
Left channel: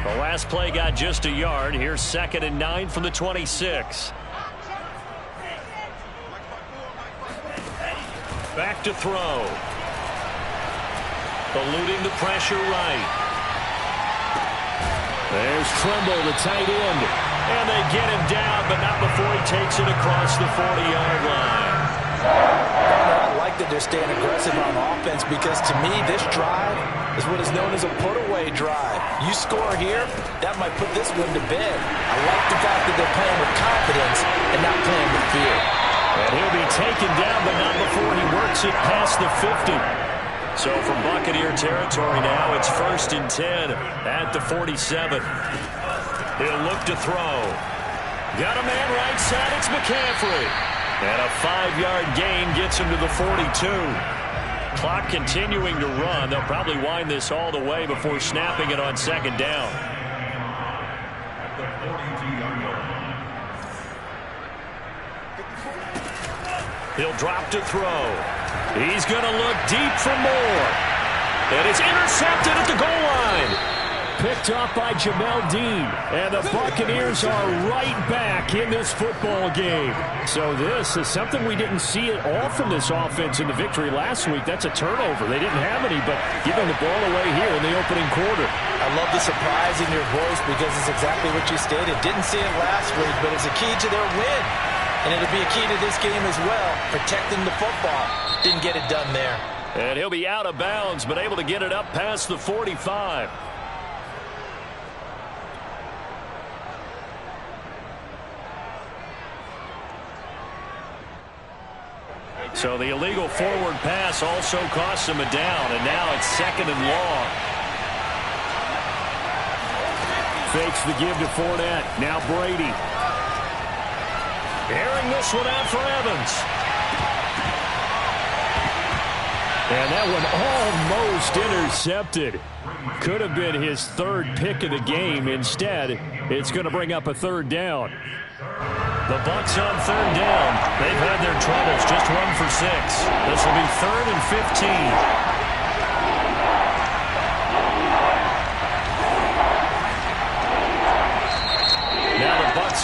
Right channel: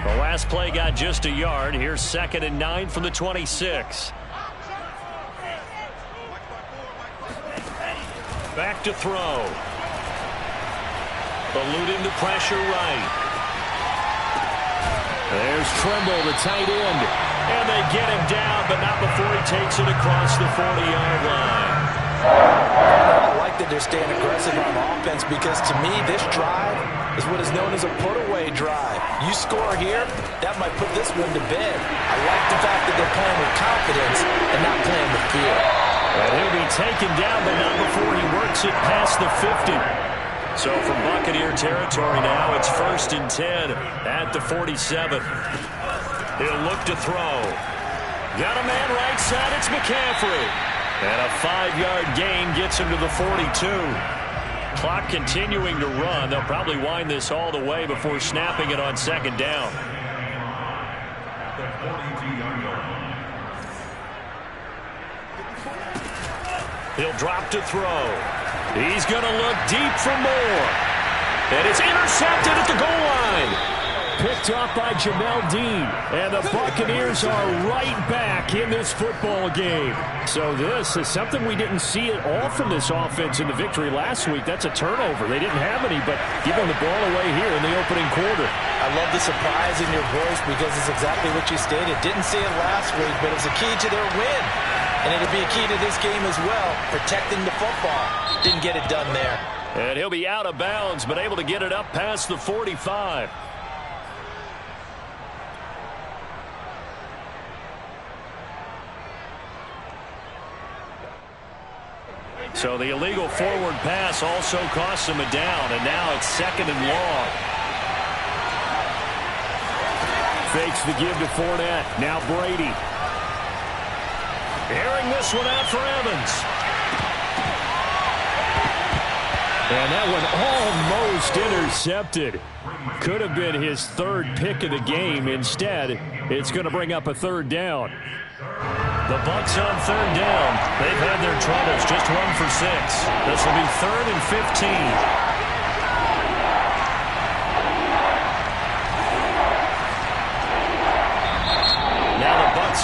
The last play got just a yard. Here's 2nd and 9 from the 26. Back to throw. Eluding the pressure right. There's Trimble, the tight end. And they get him down, but not before he takes it across the 40-yard line. I like that they're staying aggressive on offense because, to me, this drive is what is known as a put-away drive. You score here, that might put this one to bed. I like the fact that they're playing with confidence and not playing with fear. And he'll be taken down, but not before he works it past the 50. So from Buccaneer territory now, it's 1st and 10 at the 47. He'll look to throw. Got a man right side, it's McCaffrey. And a 5-yard gain gets him to the 42. Clock continuing to run. They'll probably wind this all the way before snapping it on 2nd down. At the 42-yard line. He'll drop to throw. He's going to look deep for more. And it's intercepted at the goal line. Picked off by Jamel Dean. And the Buccaneers are right back in this football game. So this is something we didn't see at all from this offense in the victory last week. That's a turnover. They didn't have any, but giving the ball away here in the opening quarter. I love the surprise in your voice because it's exactly what you stated. Didn't see it last week, but it's a key to their win. And it'll be a key to this game as well, protecting the football. Didn't get it done there. And he'll be out of bounds, but able to get it up past the 45. So the illegal forward pass also costs him a down, and now it's 2nd and long. Fakes the give to Fournette. Now Brady. Airing this one out for Evans. And that one almost intercepted. Could have been his third pick of the game. Instead, it's going to bring up a third down. The Bucs on third down. They've had their troubles. Just 1 for 6. This will be 3rd and 15.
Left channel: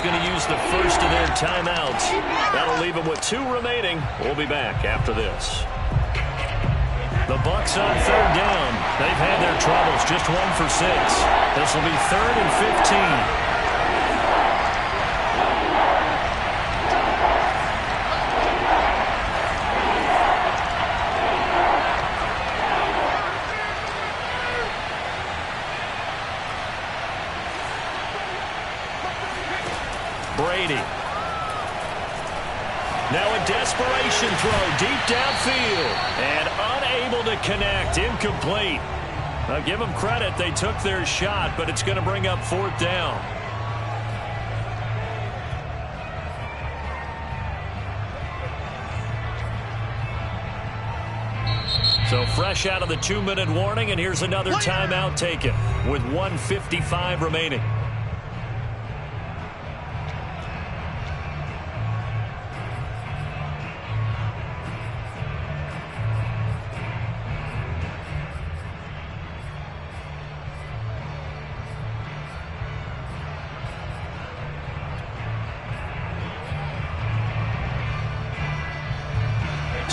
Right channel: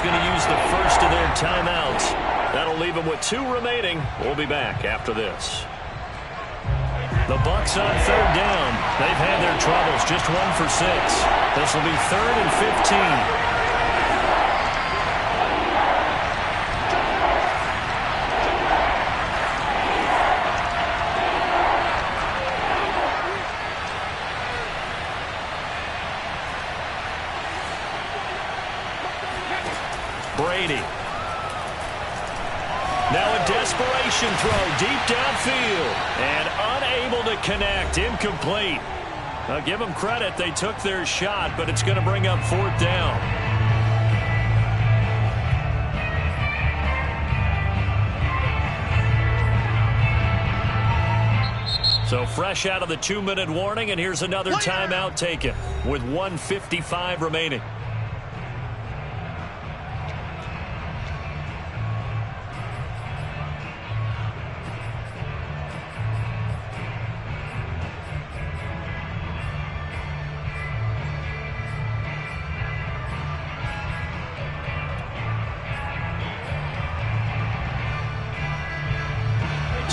Going to use the first of their timeouts. That'll leave them with 2 remaining. We'll be back after this. The Bucs on third down. They've had their troubles. Just 1 for 6. This will be 3rd and 15. Brady. Now a desperation throw deep downfield. And unable to connect. Incomplete. I'll give them credit. They took their shot, but it's going to bring up 4th down. So fresh out of the 2-minute warning, and here's another timeout taken with 1:55 remaining.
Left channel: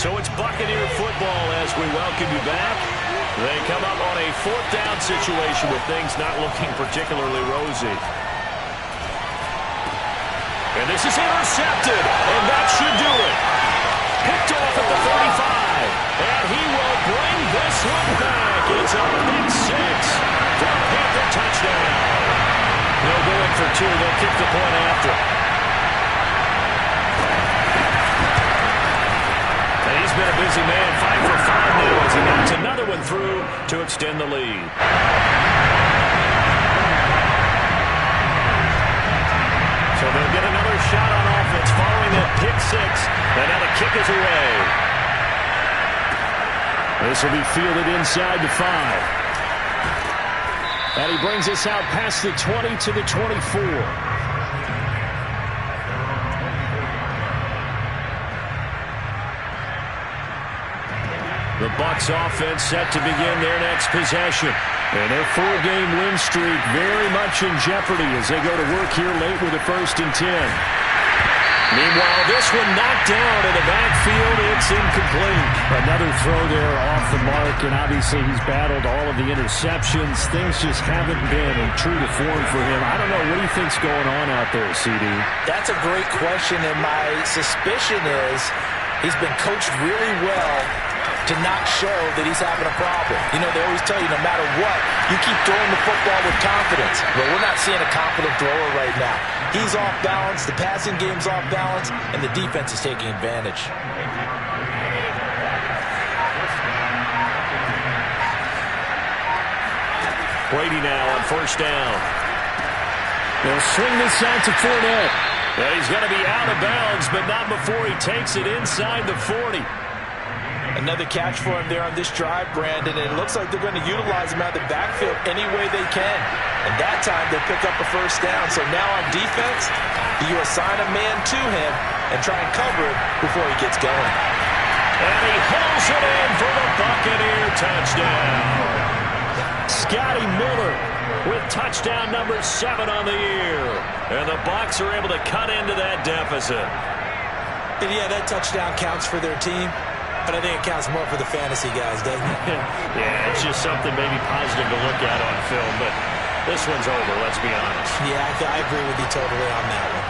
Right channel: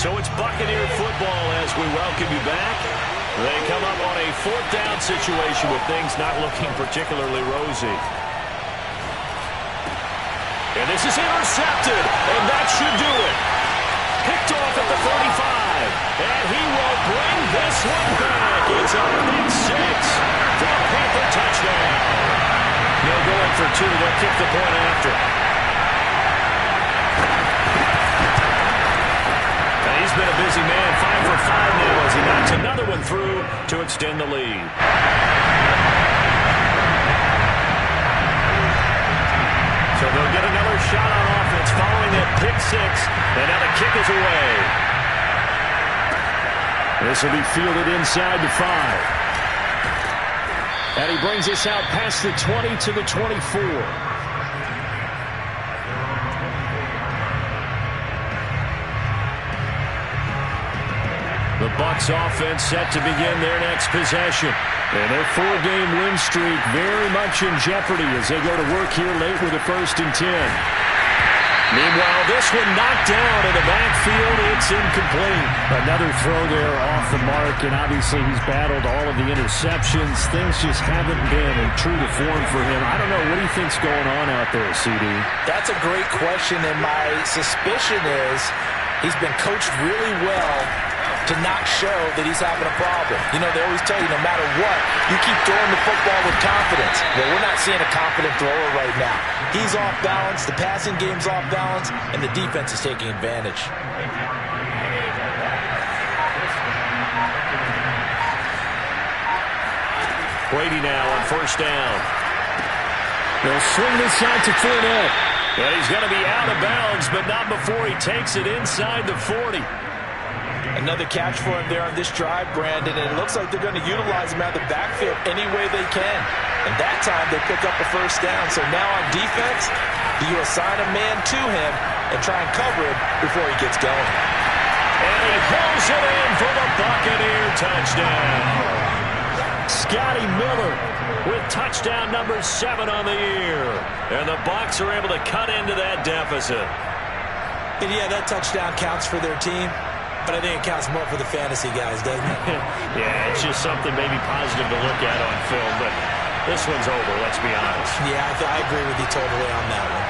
So it's Buccaneer football as we welcome you back. They come up on a 4th down situation with things not looking particularly rosy. And this is intercepted, and that should do it. Picked off at the 35, and he will bring this one back. It's a pick 6 for a Panther touchdown. No going for 2. They'll kick the point after. And he's been a busy man, 5 for 5 now as he knocks another one through to extend the lead. So they'll get another shot on offense following that pick 6. And now the kick is away. This will be fielded inside the 5. And he brings us out past the 20 to the 24. The Bucs offense set to begin their next possession. And their 4-game win streak very much in jeopardy as they go to work here late with a 1st and 10. Meanwhile, this one knocked down in the backfield. It's incomplete. Another throw there off the mark, and obviously he's battled all of the interceptions. Things just haven't been in true to form for him. I don't know. What do you think's going on out there, CD? That's a great question, and my suspicion is he's been coached really well to not show that he's having a problem. You know, they always tell you no matter what, you keep throwing the football with confidence. But we're not seeing a confident thrower right now. He's off balance, the passing game's off balance, and the defense is taking advantage. Brady now on 1st down. They'll swing this out to Fournette. And he's going to be out of bounds, but not before he takes it inside the 40. Another catch for him there on this drive, Brandon, and it looks like they're going to utilize him out of the backfield any way they can. And that time they pick up a 1st down. So now on defense, do you assign a man to him and try and cover him before he gets going? And he pulls it in for the Buccaneer touchdown. Scotty Miller with touchdown number 7 on the year. And the Bucs are able to cut into that deficit. And yeah, that touchdown counts for their team. But I think it counts more for the fantasy guys, doesn't it? Yeah, it's just something maybe positive to look at on film. But this one's over, let's be honest. Yeah, I agree with you totally on that one.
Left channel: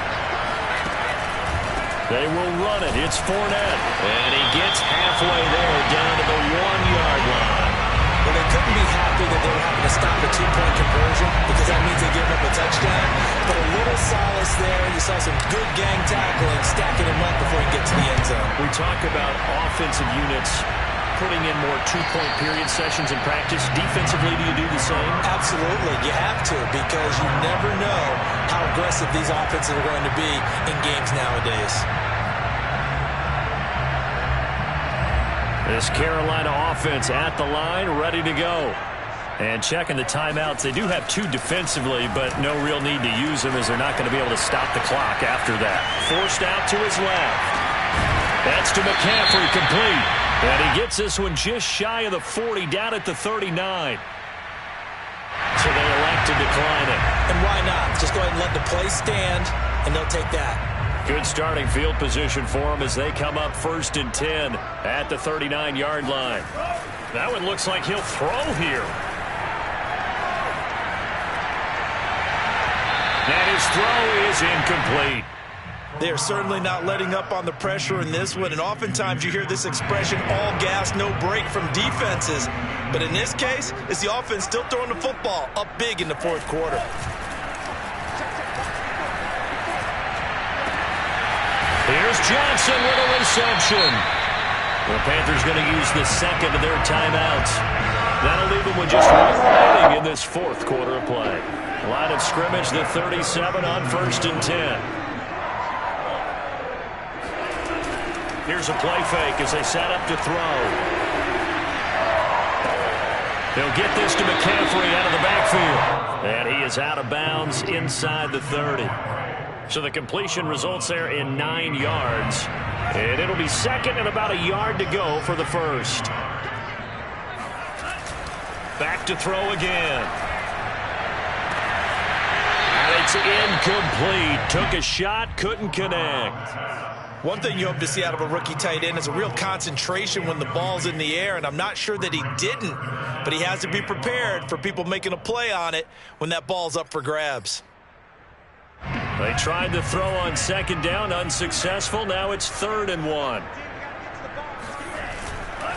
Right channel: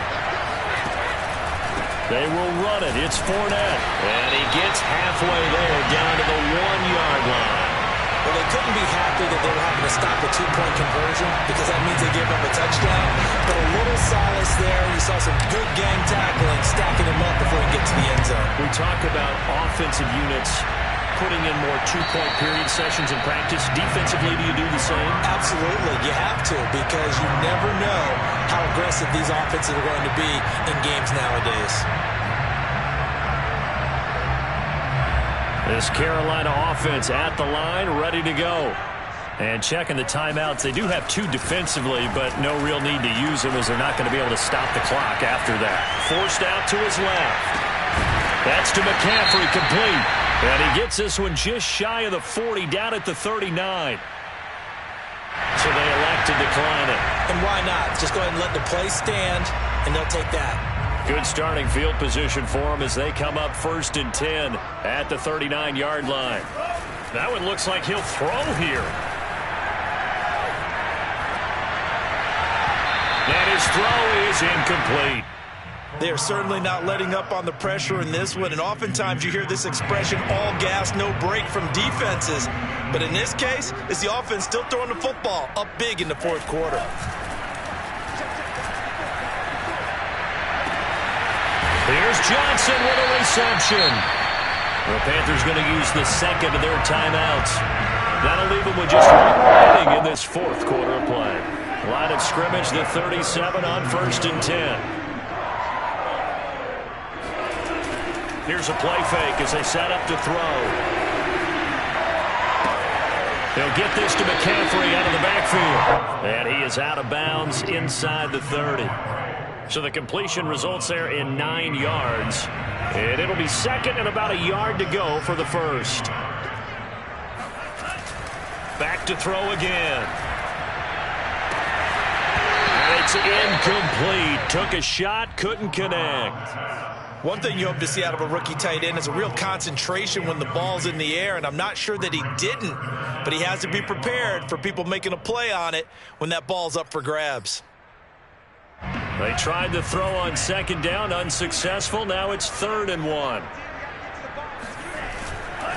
They will run it. It's Fournette. And he gets halfway there down to the 1-yard line. Well, they couldn't be happy that they were having to stop a 2-point conversion because that means they gave up a touchdown. But a little solace there. You saw some good gang tackling, stacking him up before he gets to the end zone. We talk about offensive units putting in more 2-point period sessions in practice. Defensively, do you do the same? Absolutely. You have to because you never know how aggressive these offenses are going to be in games nowadays. This Carolina offense at the line, ready to go. And checking the timeouts. They do have 2 defensively, but no real need to use them as they're not going to be able to stop the clock after that. Forced out to his left. That's to McCaffrey, complete. And he gets this one just shy of the 40, down at the 39. So they elect to decline it. And why not? Just go ahead and let the play stand, and they'll take that. Good starting field position for them as they come up 1st and 10 at the 39-yard line. That one looks like he'll throw here. And his throw is incomplete. They are certainly not letting up on the pressure in this one, and oftentimes you hear this expression, all gas, no break from defenses. But in this case, it's the offense still throwing the football up big in the 4th quarter. Here's Johnson with a reception. The Panthers going to use the 2nd of their timeouts. That'll leave them with just 1 remaining in this 4th quarter of play. Line of scrimmage, the 37 on 1st and 10. Here's a play fake as they set up to throw. They'll get this to McCaffrey out of the backfield. And he is out of bounds inside the 30. So the completion results there in 9 yards. And it'll be 2nd and about a yard to go for the 1st. Back to throw again. And it's incomplete. Took a shot, couldn't connect. One thing you hope to see out of a rookie tight end is a real concentration when the ball's in the air, and I'm not sure that he didn't, but he has to be prepared for people making a play on it when that ball's up for grabs. They tried to throw on 2nd down, unsuccessful. Now it's 3rd and 1.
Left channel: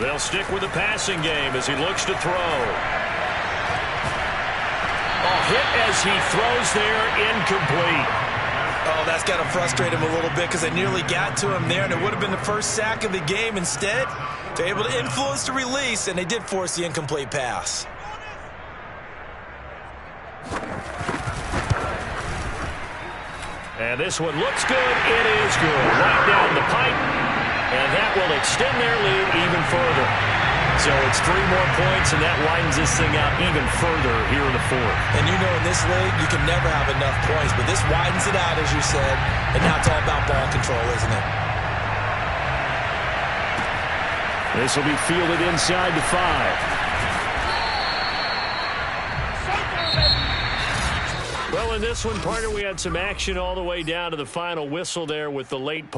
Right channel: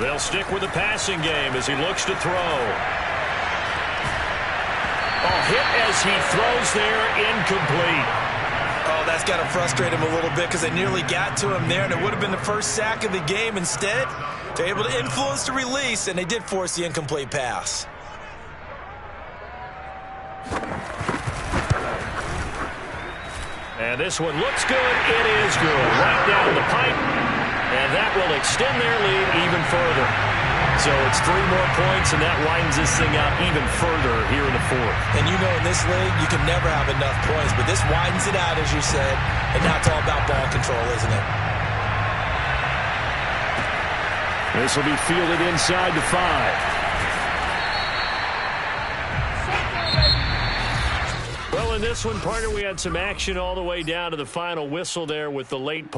They'll stick with the passing game as he looks to throw. Oh, hit as he throws there, incomplete. Oh, that's got to frustrate him a little bit because they nearly got to him there, and it would have been the first sack of the game. Instead, they're able to influence the release, and they did force the incomplete pass. And this one looks good. It is good. Right down the pipe, and that will extend their lead even further. So it's 3 more points, and that widens this thing out even further here in the 4th. And you know in this league, you can never have enough points, but this widens it out, as you said, and now it's all about ball control, isn't it? This will be fielded inside the 5. Well, in this one, partner, we had some action all the way down to the final whistle there with the late